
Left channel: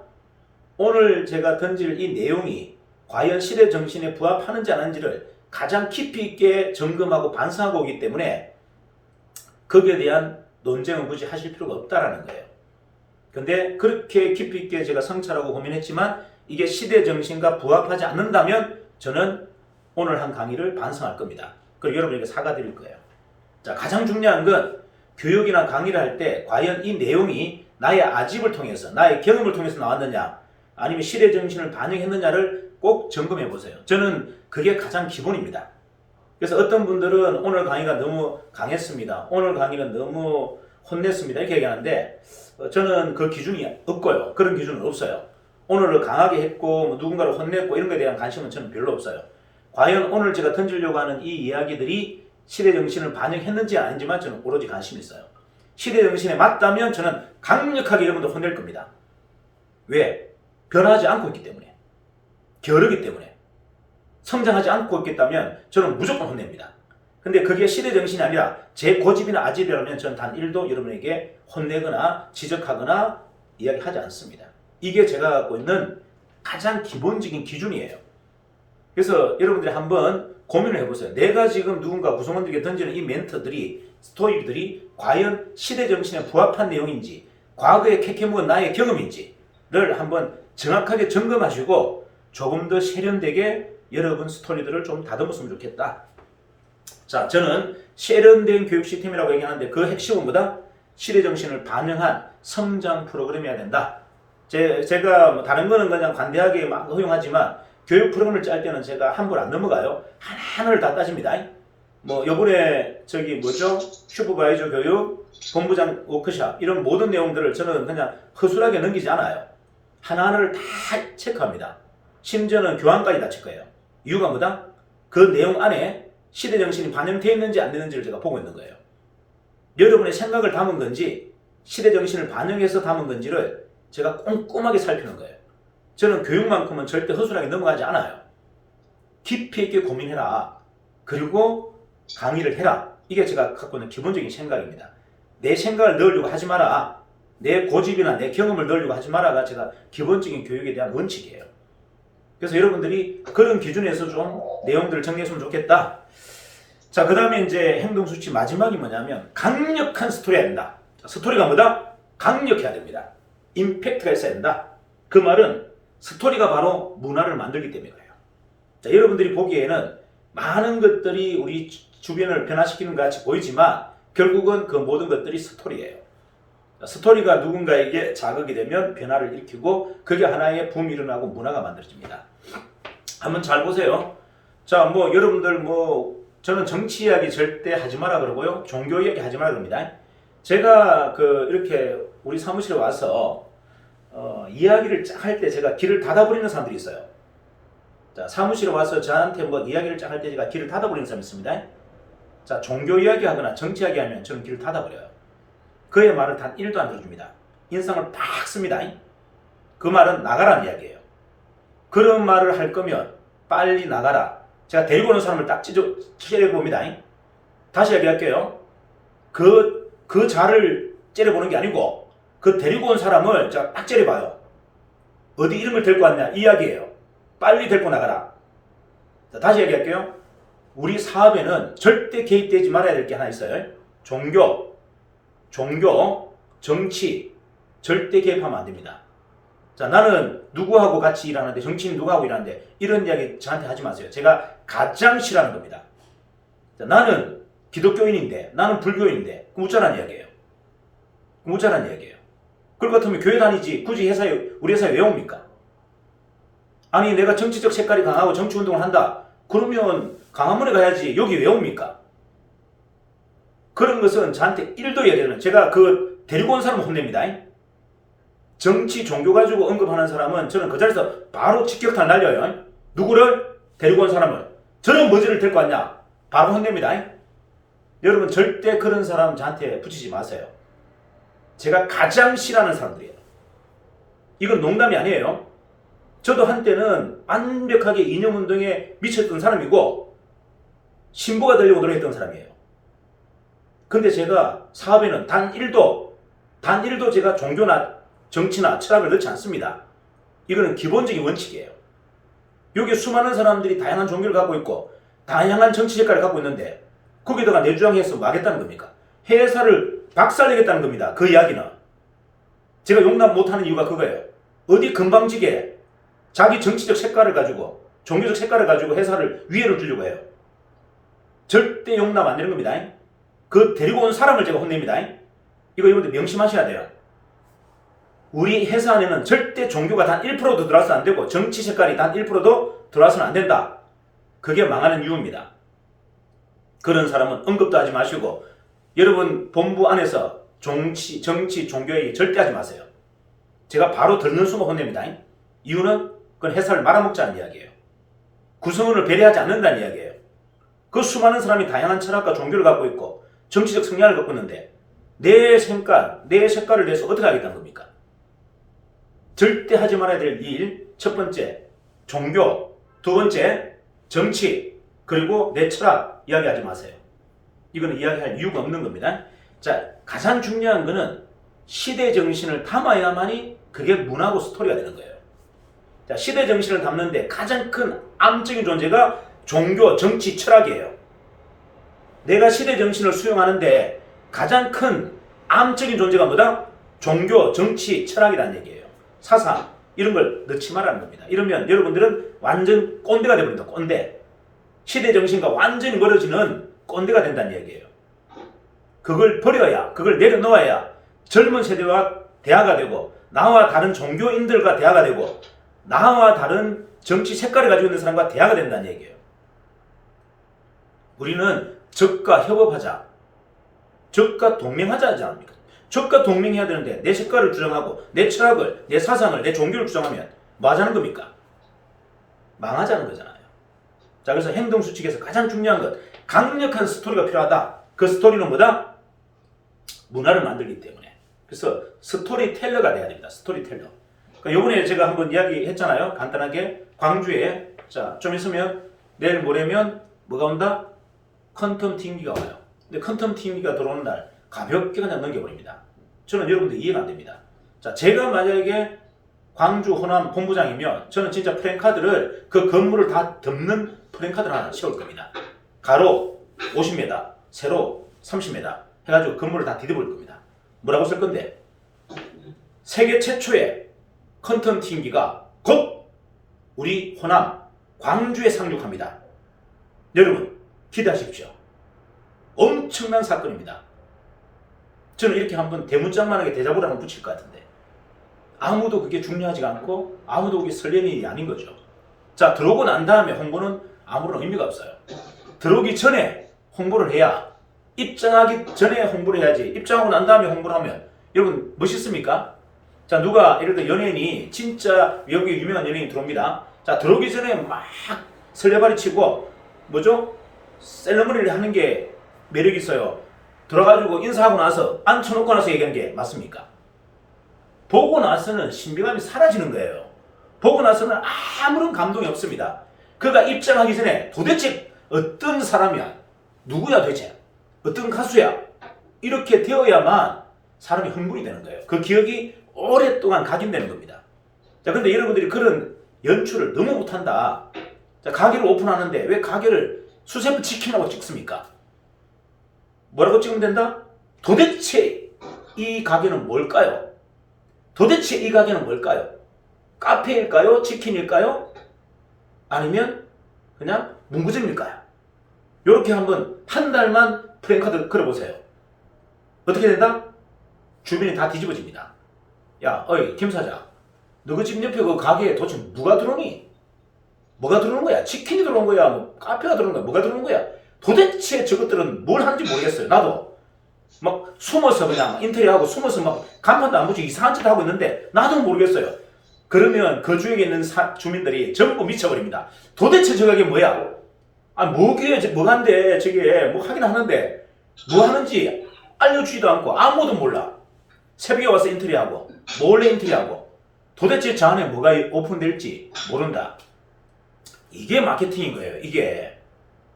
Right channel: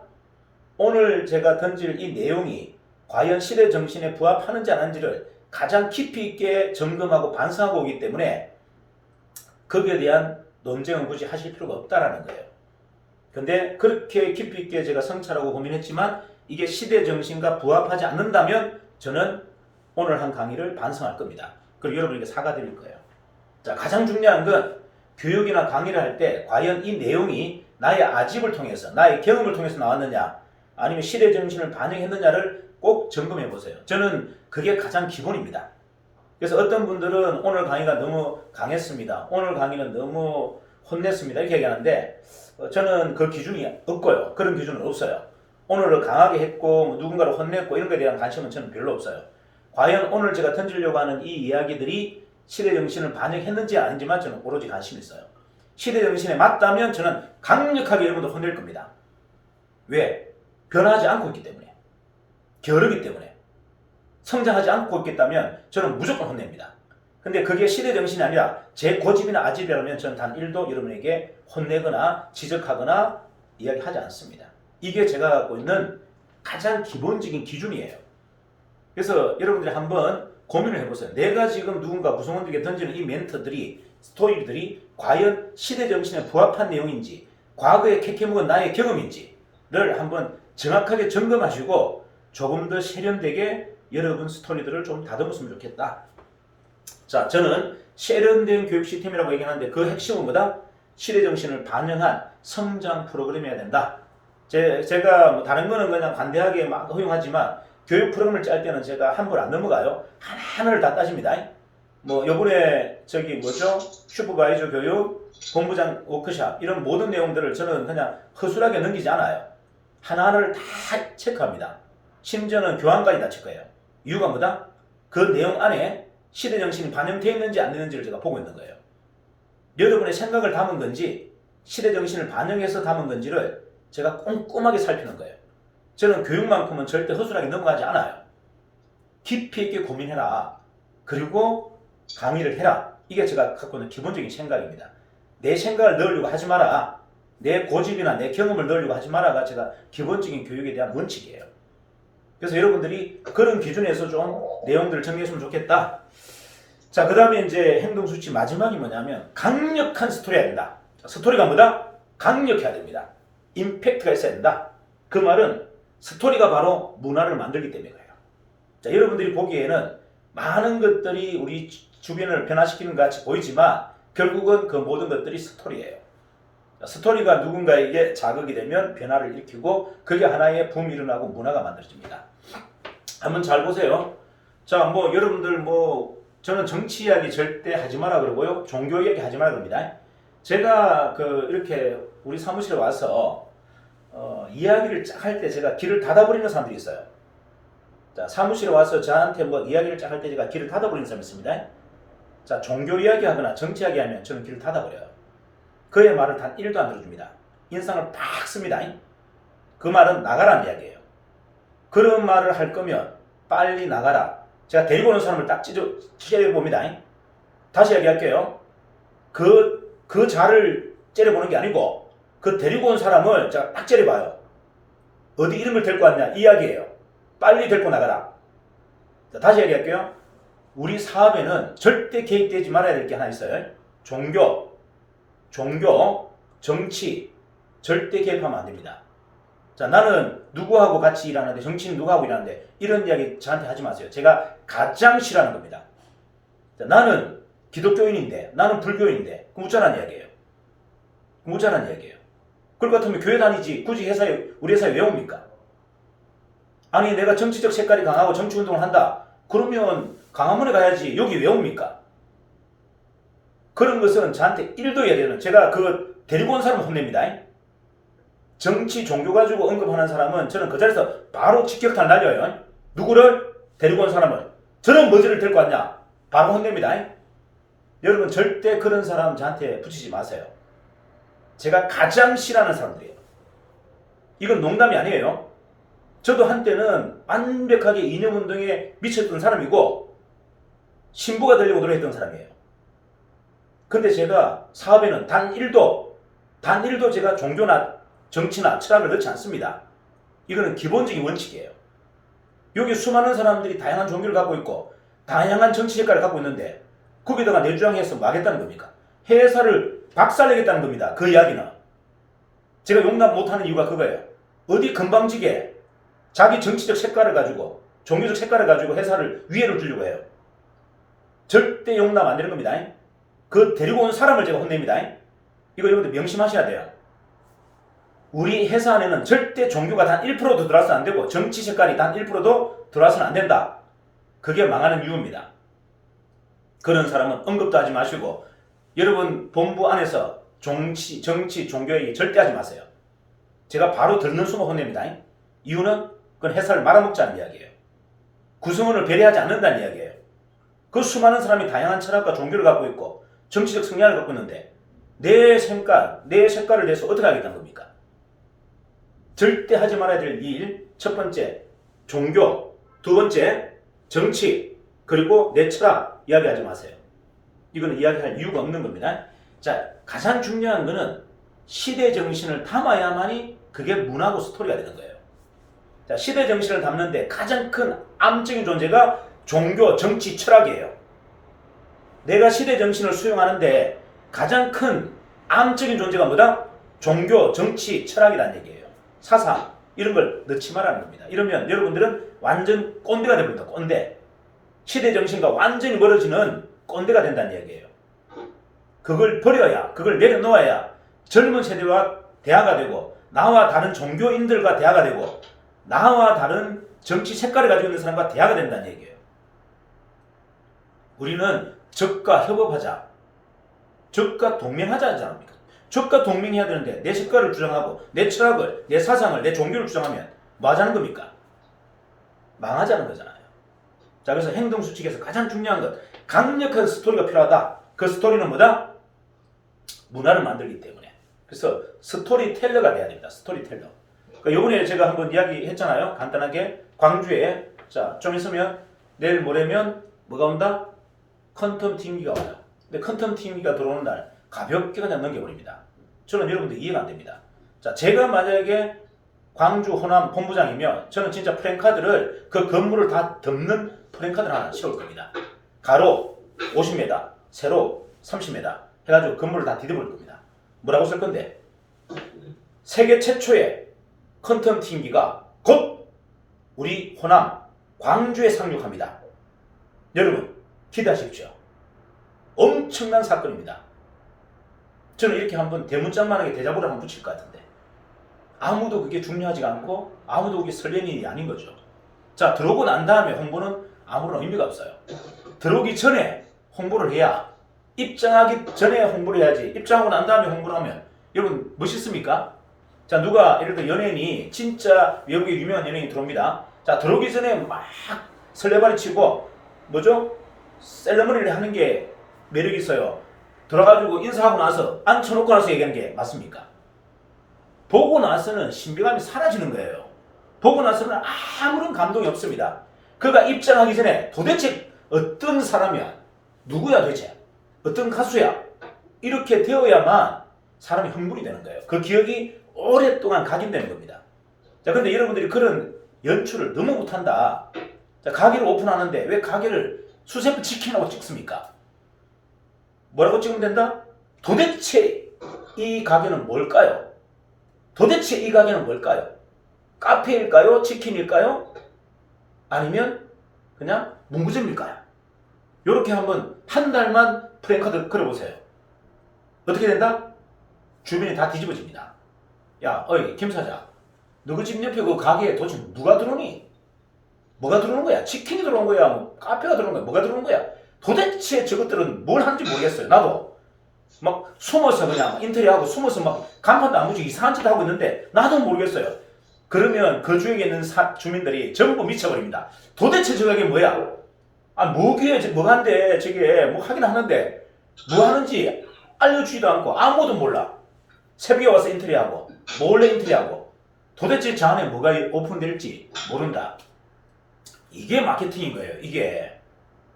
오늘 제가 던질 이 내용이 과연 시대 정신에 부합하는지 안 하는지를 가장 깊이 있게 점검하고 반성하고 오기 때문에 거기에 대한 논쟁은 굳이 하실 필요가 없다라는 거예요. 근데 그렇게 깊이 있게 제가 성찰하고 고민했지만 이게 시대 정신과 부합하지 않는다면 저는 오늘 한 강의를 반성할 겁니다. 그리고 여러분에게 사과드릴 거예요. 자, 가장 중요한 건 교육이나 강의를 할 때 과연 이 내용이 나의 아집을 통해서, 나의 경험을 통해서 나왔느냐, 아니면 시대 정신을 반영했느냐를 꼭 점검해 보세요. 저는 그게 가장 기본입니다. 그래서 어떤 분들은 오늘 강의가 너무 강했습니다, 오늘 강의는 너무 혼냈습니다 이렇게 얘기하는데 저는 그 기준이 없고요. 그런 기준은 없어요. 오늘을 강하게 했고 뭐 누군가를 혼냈고 이런 것에 대한 관심은 저는 별로 없어요. 과연 오늘 제가 던지려고 하는 이 이야기들이 시대 정신을 반영했는지 아닌지만 저는 오로지 관심이 있어요. 시대 정신에 맞다면 저는 강력하게 여러분들 혼낼 겁니다. 왜? 변하지 않고 있기 때문에, 게으르기 때문에, 성장하지 않고 있겠다면 저는 무조건 혼냅니다. 근데 그게 시대 정신이 아니라 제 고집이나 아집이라면 저는 단 1도 여러분에게 혼내거나 지적하거나 이야기하지 않습니다. 이게 제가 갖고 있는 가장 기본적인 기준이에요. 그래서 여러분들이 한번 고민을 해보세요. 내가 지금 누군가 구성원들에게 던지는 이 멘트들이, 스토리들이 과연 시대 정신에 부합한 내용인지, 과거에 캐캐묵은 나의 경험인지를 한번 정확하게 점검하시고 조금 더 세련되게 여러분 스토리들을 좀 다듬었으면 좋겠다. 자, 저는 세련된 교육 시스템이라고 얘기하는데 그 핵심은 뭐다? 시대 정신을 반영한 성장 프로그램이어야 된다. 제가 뭐 다른 거는 그냥 관대하게 막 허용하지만 교육 프로그램을 짤 때는 제가 한 번 안 넘어가요. 하나하나를 다 따집니다. 뭐 요번에 슈퍼바이저 교육, 본부장 워크샵 이런 모든 내용들을 저는 그냥 허술하게 넘기지 않아요. 하나하나를 다 체크합니다. 심지어는 교환까지 다 체크해요. 이유가 뭐다? 그 내용 안에 시대 정신이 반영되어 있는지 안 되는지를 제가 보고 있는 거예요. 여러분의 생각을 담은 건지 시대 정신을 반영해서 담은 건지를 제가 꼼꼼하게 살피는 거예요. 저는 교육만큼은 절대 허술하게 넘어가지 않아요. 깊이 있게 고민해라. 그리고 강의를 해라. 이게 제가 갖고 있는 기본적인 생각입니다. 내 생각을 넣으려고 하지 마라. 내 고집이나 내 경험을 넣으려고 하지 마라가 제가 기본적인 교육에 대한 원칙이에요. 그래서 여러분들이 그런 기준에서 좀 내용들을 정리했으면 좋겠다. 자, 그 다음에 이제 행동수치 마지막이 뭐냐면 강력한 스토리가 된다. 스토리가 뭐다? 강력해야 됩니다. 임팩트가 있어야 된다. 그 말은 스토리가 바로 문화를 만들기 때문에 그래요. 자, 여러분들이 보기에는 많은 것들이 우리 주변을 변화시키는 것 같이 보이지만 결국은 그 모든 것들이 스토리예요. 스토리가 누군가에게 자극이 되면 변화를 일으키고 그게 하나의 붐이 일어나고 문화가 만들어집니다. 한번 잘 보세요. 자, 뭐 여러분들 저는 정치 이야기 절대 하지 마라 그러고요. 종교 이야기 하지 마라 그럽니다. 제가 이렇게 우리 사무실에 와서 이야기를 쫙 할 때 제가 길을 닫아버리는 사람들이 있어요. 자, 사무실에 와서 저한테 이야기를 쫙 할 때 제가 길을 닫아버리는 사람이 있습니다. 자, 종교 이야기 하거나 정치 이야기 하면 저는 길을 닫아버려요. 그의 말을 단 1도 안 들어줍니다. 인상을 팍 씁니다. 그 말은 나가라는 이야기예요. 그런 말을 할 거면 빨리 나가라. 제가 데리고 오는 사람을 딱 째려봅니다. 다시 이야기할게요. 그 자를 째려보는 게 아니고 그 데리고 온 사람을 제가 딱 째려봐요. 어디 이름을 데리고 왔냐 이 이야기예요. 빨리 데리고 나가라. 자, 다시 이야기할게요. 우리 사업에는 절대 개입되지 말아야 될 게 하나 있어요. 종교, 정치 절대 개입하면 안 됩니다. 자, 나는 누구하고 같이 일하는데, 정치인 누구하고 일하는데 이런 이야기 저한테 하지 마세요. 제가 가장 싫어하는 겁니다. 자, 나는 기독교인인데 나는 불교인인데 그럼 어쩌라는 이야기예요. 그럴 것 같으면 교회 다니지 굳이 우리 회사에 왜 옵니까? 아니 내가 정치적 색깔이 강하고 정치운동을 한다. 그러면 강화문에 가야지 여기 왜 옵니까? 그런 것은 저한테 1도 이해되는, 제가 그 데리고 온 사람 혼냅니다. 정치, 종교 가지고 언급하는 사람은 저는 그 자리에서 바로 직격탄 날려요. 누구를? 데리고 온 사람을. 저는 뭐지를 데리고 왔냐? 바로 혼냅니다. 여러분 절대 그런 사람 저한테 붙이지 마세요. 제가 가장 싫어하는 사람들이에요. 이건 농담이 아니에요. 저도 한때는 완벽하게 이념운동에 미쳤던 사람이고 신부가 되려고 노력했던 사람이에요. 근데 제가 사업에는 단 1도 제가 종교나 정치나 철학을 넣지 않습니다. 이거는 기본적인 원칙이에요. 여기 수많은 사람들이 다양한 종교를 갖고 있고 다양한 정치 색깔을 갖고 있는데 거기다가 내 주장해서 뭐 하겠다는 겁니까? 회사를 박살내겠다는 겁니다. 그 이야기는. 제가 용납 못하는 이유가 그거예요. 어디 금방지게 자기 정치적 색깔을 가지고 종교적 색깔을 가지고 회사를 위해를 주려고 해요. 절대 용납 안 되는 겁니다. 그 데리고 온 사람을 제가 혼냅니다. 이거 여러분들 명심하셔야 돼요. 우리 회사 안에는 절대 종교가 단 1%도 들어와서는 안 되고 정치 색깔이 단 1%도 들어와서는 안 된다. 그게 망하는 이유입니다. 그런 사람은 언급도 하지 마시고 여러분 본부 안에서 정치, 종교 얘기 절대 하지 마세요. 제가 바로 듣는 순간 혼냅니다. 이유는 그건 회사를 말아먹자는 이야기예요. 구성원을 배려하지 않는다는 이야기예요. 그 수많은 사람이 다양한 철학과 종교를 갖고 있고 정치적 성향을 갖고 있는데 내 색깔을 내서 어떻게 하겠다는 겁니까? 절대 하지 말아야 될 일, 첫 번째 종교, 두 번째 정치, 그리고 내 철학 이야기하지 마세요. 이거는 이야기할 이유가 없는 겁니다. 자, 가장 중요한 거는 시대 정신을 담아야만이 그게 문화고 스토리가 되는 거예요. 자, 시대 정신을 담는데 가장 큰 암적인 존재가 종교, 정치, 철학이에요. 내가 시대 정신을 수용하는데 가장 큰 암적인 존재가 뭐다? 종교, 정치, 철학이라는 얘기예요. 사상, 이런 걸 넣지 말라는 겁니다. 이러면 여러분들은 완전 꼰대가 됩니다. 꼰대. 시대 정신과 완전히 멀어지는 꼰대가 된다는 얘기예요. 그걸 버려야, 그걸 내려놓아야 젊은 세대와 대화가 되고 나와 다른 종교인들과 대화가 되고 나와 다른 정치 색깔을 가지고 있는 사람과 대화가 된다는 얘기예요. 우리는 적과 협업하자, 적과 동맹하자 하지 않습니까? 적과 동맹해야 되는데 내 색깔을 주장하고 내 철학을, 내 사상을, 내 종교를 주장하면 뭐 하자는 겁니까? 망하자는 거잖아요. 자, 그래서 행동수칙에서 가장 중요한 것, 강력한 스토리가 필요하다. 그 스토리는 뭐다? 문화를 만들기 때문에. 그래서 스토리텔러가 돼야 됩니다. 스토리텔러. 그러니까 요번에 제가 한번 이야기했잖아요. 간단하게 광주에, 자, 좀 있으면 내일 모레면 뭐가 온다? 퀀텀 TV가 와요. 근데 퀀텀 TV가 들어오는 날 가볍게 그냥 넘겨버립니다. 저는 여러분들 이해가 안 됩니다. 자, 제가 만약에 광주 호남 본부장이면 저는 진짜 프랜카드를 그 건물을 다 덮는 프랜카드를 하나 씌울 겁니다. 가로 50m, 세로 30m 해가지고 건물을 다 뒤덮을 겁니다. 뭐라고 쓸 건데? 세계 최초의 퀀텀 TV가 곧 우리 호남 광주에 상륙합니다. 여러분 기대하십시오. 엄청난 사건입니다. 저는 이렇게 한번 대문짝만하게 대자보를 한번 붙일 것 같은데 아무도 그게 중요하지가 않고 아무도 그게 설레는 일이 아닌 거죠. 자, 들어오고 난 다음에 홍보는 아무런 의미가 없어요. 들어오기 전에 홍보를 해야, 입장하기 전에 홍보를 해야지. 입장하고 난 다음에 홍보를 하면 여러분 멋있습니까? 자, 누가 예를 들어 연예인이 진짜 외국에 유명한 연예인이 들어옵니다. 자, 들어오기 전에 막 설레발이 치고 뭐죠? 셀러머니를 하는 게 매력이 있어요. 들어가지고 인사하고 나서 앉혀놓고 나서 얘기하는 게 맞습니까? 보고 나서는 신비감이 사라지는 거예요. 보고 나서는 아무런 감동이 없습니다. 그가 입장하기 전에 도대체 어떤 사람이야? 누구야 도대체? 어떤 가수야? 이렇게 되어야만 사람이 흥분이 되는 거예요. 그 기억이 오랫동안 각인되는 겁니다. 자, 근데 여러분들이 그런 연출을 너무 못한다. 자, 가게를 오픈하는데 왜 가게를 수세프 치킨하고 찍습니까? 뭐라고 찍으면 된다? 도대체 이 가게는 뭘까요? 도대체 이 가게는 뭘까요? 카페일까요? 치킨일까요? 아니면 그냥 문구점일까요? 이렇게 한번 한 달만 프랭카드 걸어보세요. 어떻게 된다? 주변이 다 뒤집어집니다. 야, 어이, 김 사장. 너그 집 옆에 그 가게에 도대체 누가 들어오니? 뭐가 들어오는 거야? 치킨이 들어오는 거야? 뭐 카페가 들어오는 거야? 뭐가 들어오는 거야? 도대체 저것들은 뭘 하는지 모르겠어요. 나도. 막 숨어서 그냥 인테리어하고 숨어서 막 간판도 안 붙이고 이상한 짓 하고 있는데 나도 모르겠어요. 그러면 그 주위에 있는 주민들이 전부 미쳐버립니다. 도대체 저게 뭐야? 아, 뭐게, 뭐한데, 저게, 뭐 하긴 하는데, 뭐 하는지 알려주지도 않고 아무도 몰라. 새벽에 와서 인테리어하고, 몰래 인테리어하고, 도대체 저 안에 뭐가 오픈될지 모른다. 이게 마케팅인 거예요, 이게.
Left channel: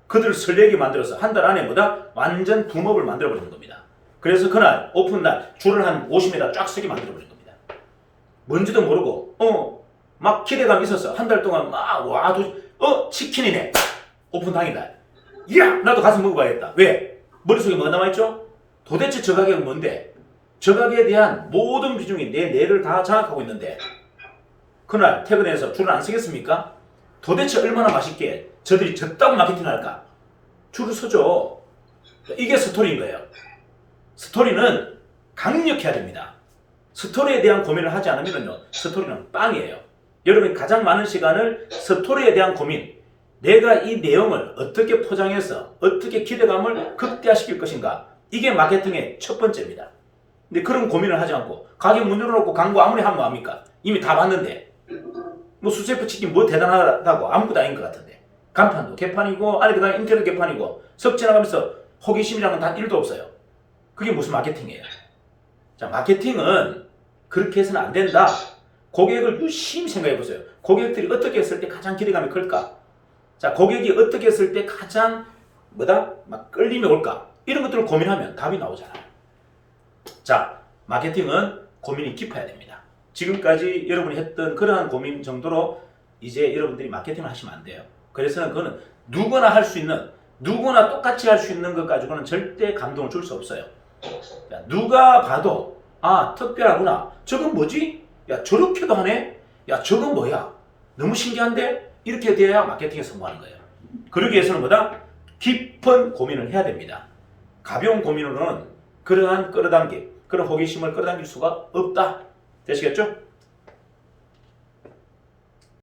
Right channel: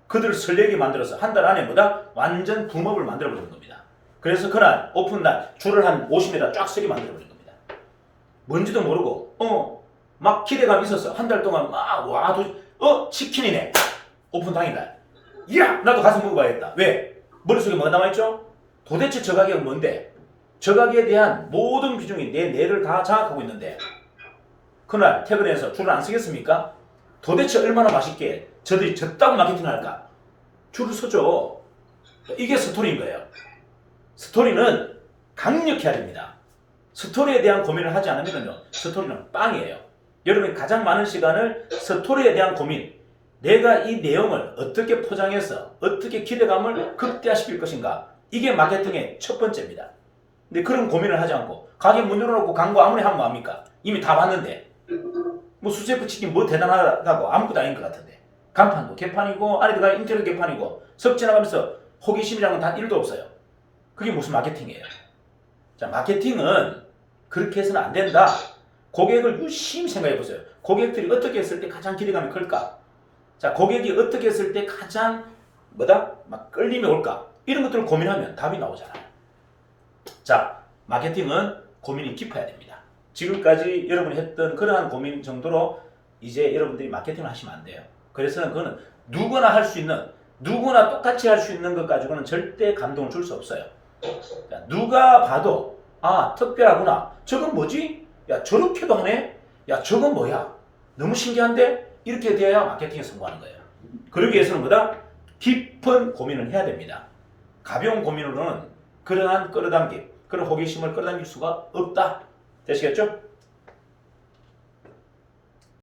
그들을 설레게 만들어서 한 달 안에 뭐다? 완전 붐업을 만들어버리는 겁니다. 그래서 그날, 오픈날, 줄을 한 50m 쫙 서게 만들어버리는 겁니다. 뭔지도 모르고, 막 기대감이 있어서 한 달 동안 막, 와, 치킨이네. 오픈 당일날. 이야! 나도 가서 먹어봐야겠다. 왜? 머릿속에 뭐가 남아있죠? 도대체 저 가게가 뭔데? 저 가게에 대한 모든 비중이 내 뇌를 다 장악하고 있는데 그날 퇴근해서 줄을 안 서겠습니까? 도대체 얼마나 맛있게 저들이 졌다고 마케팅할까? 줄을 서죠. 이게 스토리인 거예요. 스토리는 강력해야 됩니다. 스토리에 대한 고민을 하지 않으면요, 스토리는 빵이에요. 여러분이 가장 많은 시간을 스토리에 대한 고민, 내가 이 내용을 어떻게 포장해서 어떻게 기대감을 극대화시킬 것인가, 이게 마케팅의 첫 번째입니다. 근데 그런 고민을 하지 않고 가게 문 열어놓고 광고 아무리 하면 뭐합니까? 이미 다 봤는데 뭐 수세프 치킨 뭐 대단하다고 아무것도 아닌 것 같은데 간판도 개판이고 안에 들어가면 인테리어 개판이고 석 지나가면서 호기심이라는 건 단 1도 없어요. 그게 무슨 마케팅이에요? 자, 마케팅은 그렇게 해서는 안 된다. 고객을 유심히 생각해 보세요. 고객들이 어떻게 했을 때 가장 기대감이 클까? 자, 고객이 어떻게 했을 때 가장 막 끌림이 올까? 이런 것들을 고민하면 답이 나오잖아요. 자, 마케팅은 고민이 깊어야 됩니다. 지금까지 여러분이 했던 그러한 고민 정도로 이제 여러분들이 마케팅을 하시면 안 돼요. 그래서는 그거는 누구나 할 수 있는, 누구나 똑같이 할 수 있는 것 가지고는 절대 감동을 줄 수 없어요. 그러니까 누가 봐도 아, 특별하구나. 저건 뭐지? 야, 저렇게도 하네? 야, 저건 뭐야? 너무 신기한데? 이렇게 돼야 마케팅에 성공하는 거예요. 그러기 위해서는 깊은 고민을 해야 됩니다. 가벼운 고민으로는 그러한 끌어당김, 그런 호기심을 끌어당길 수가 없다. 되시겠죠?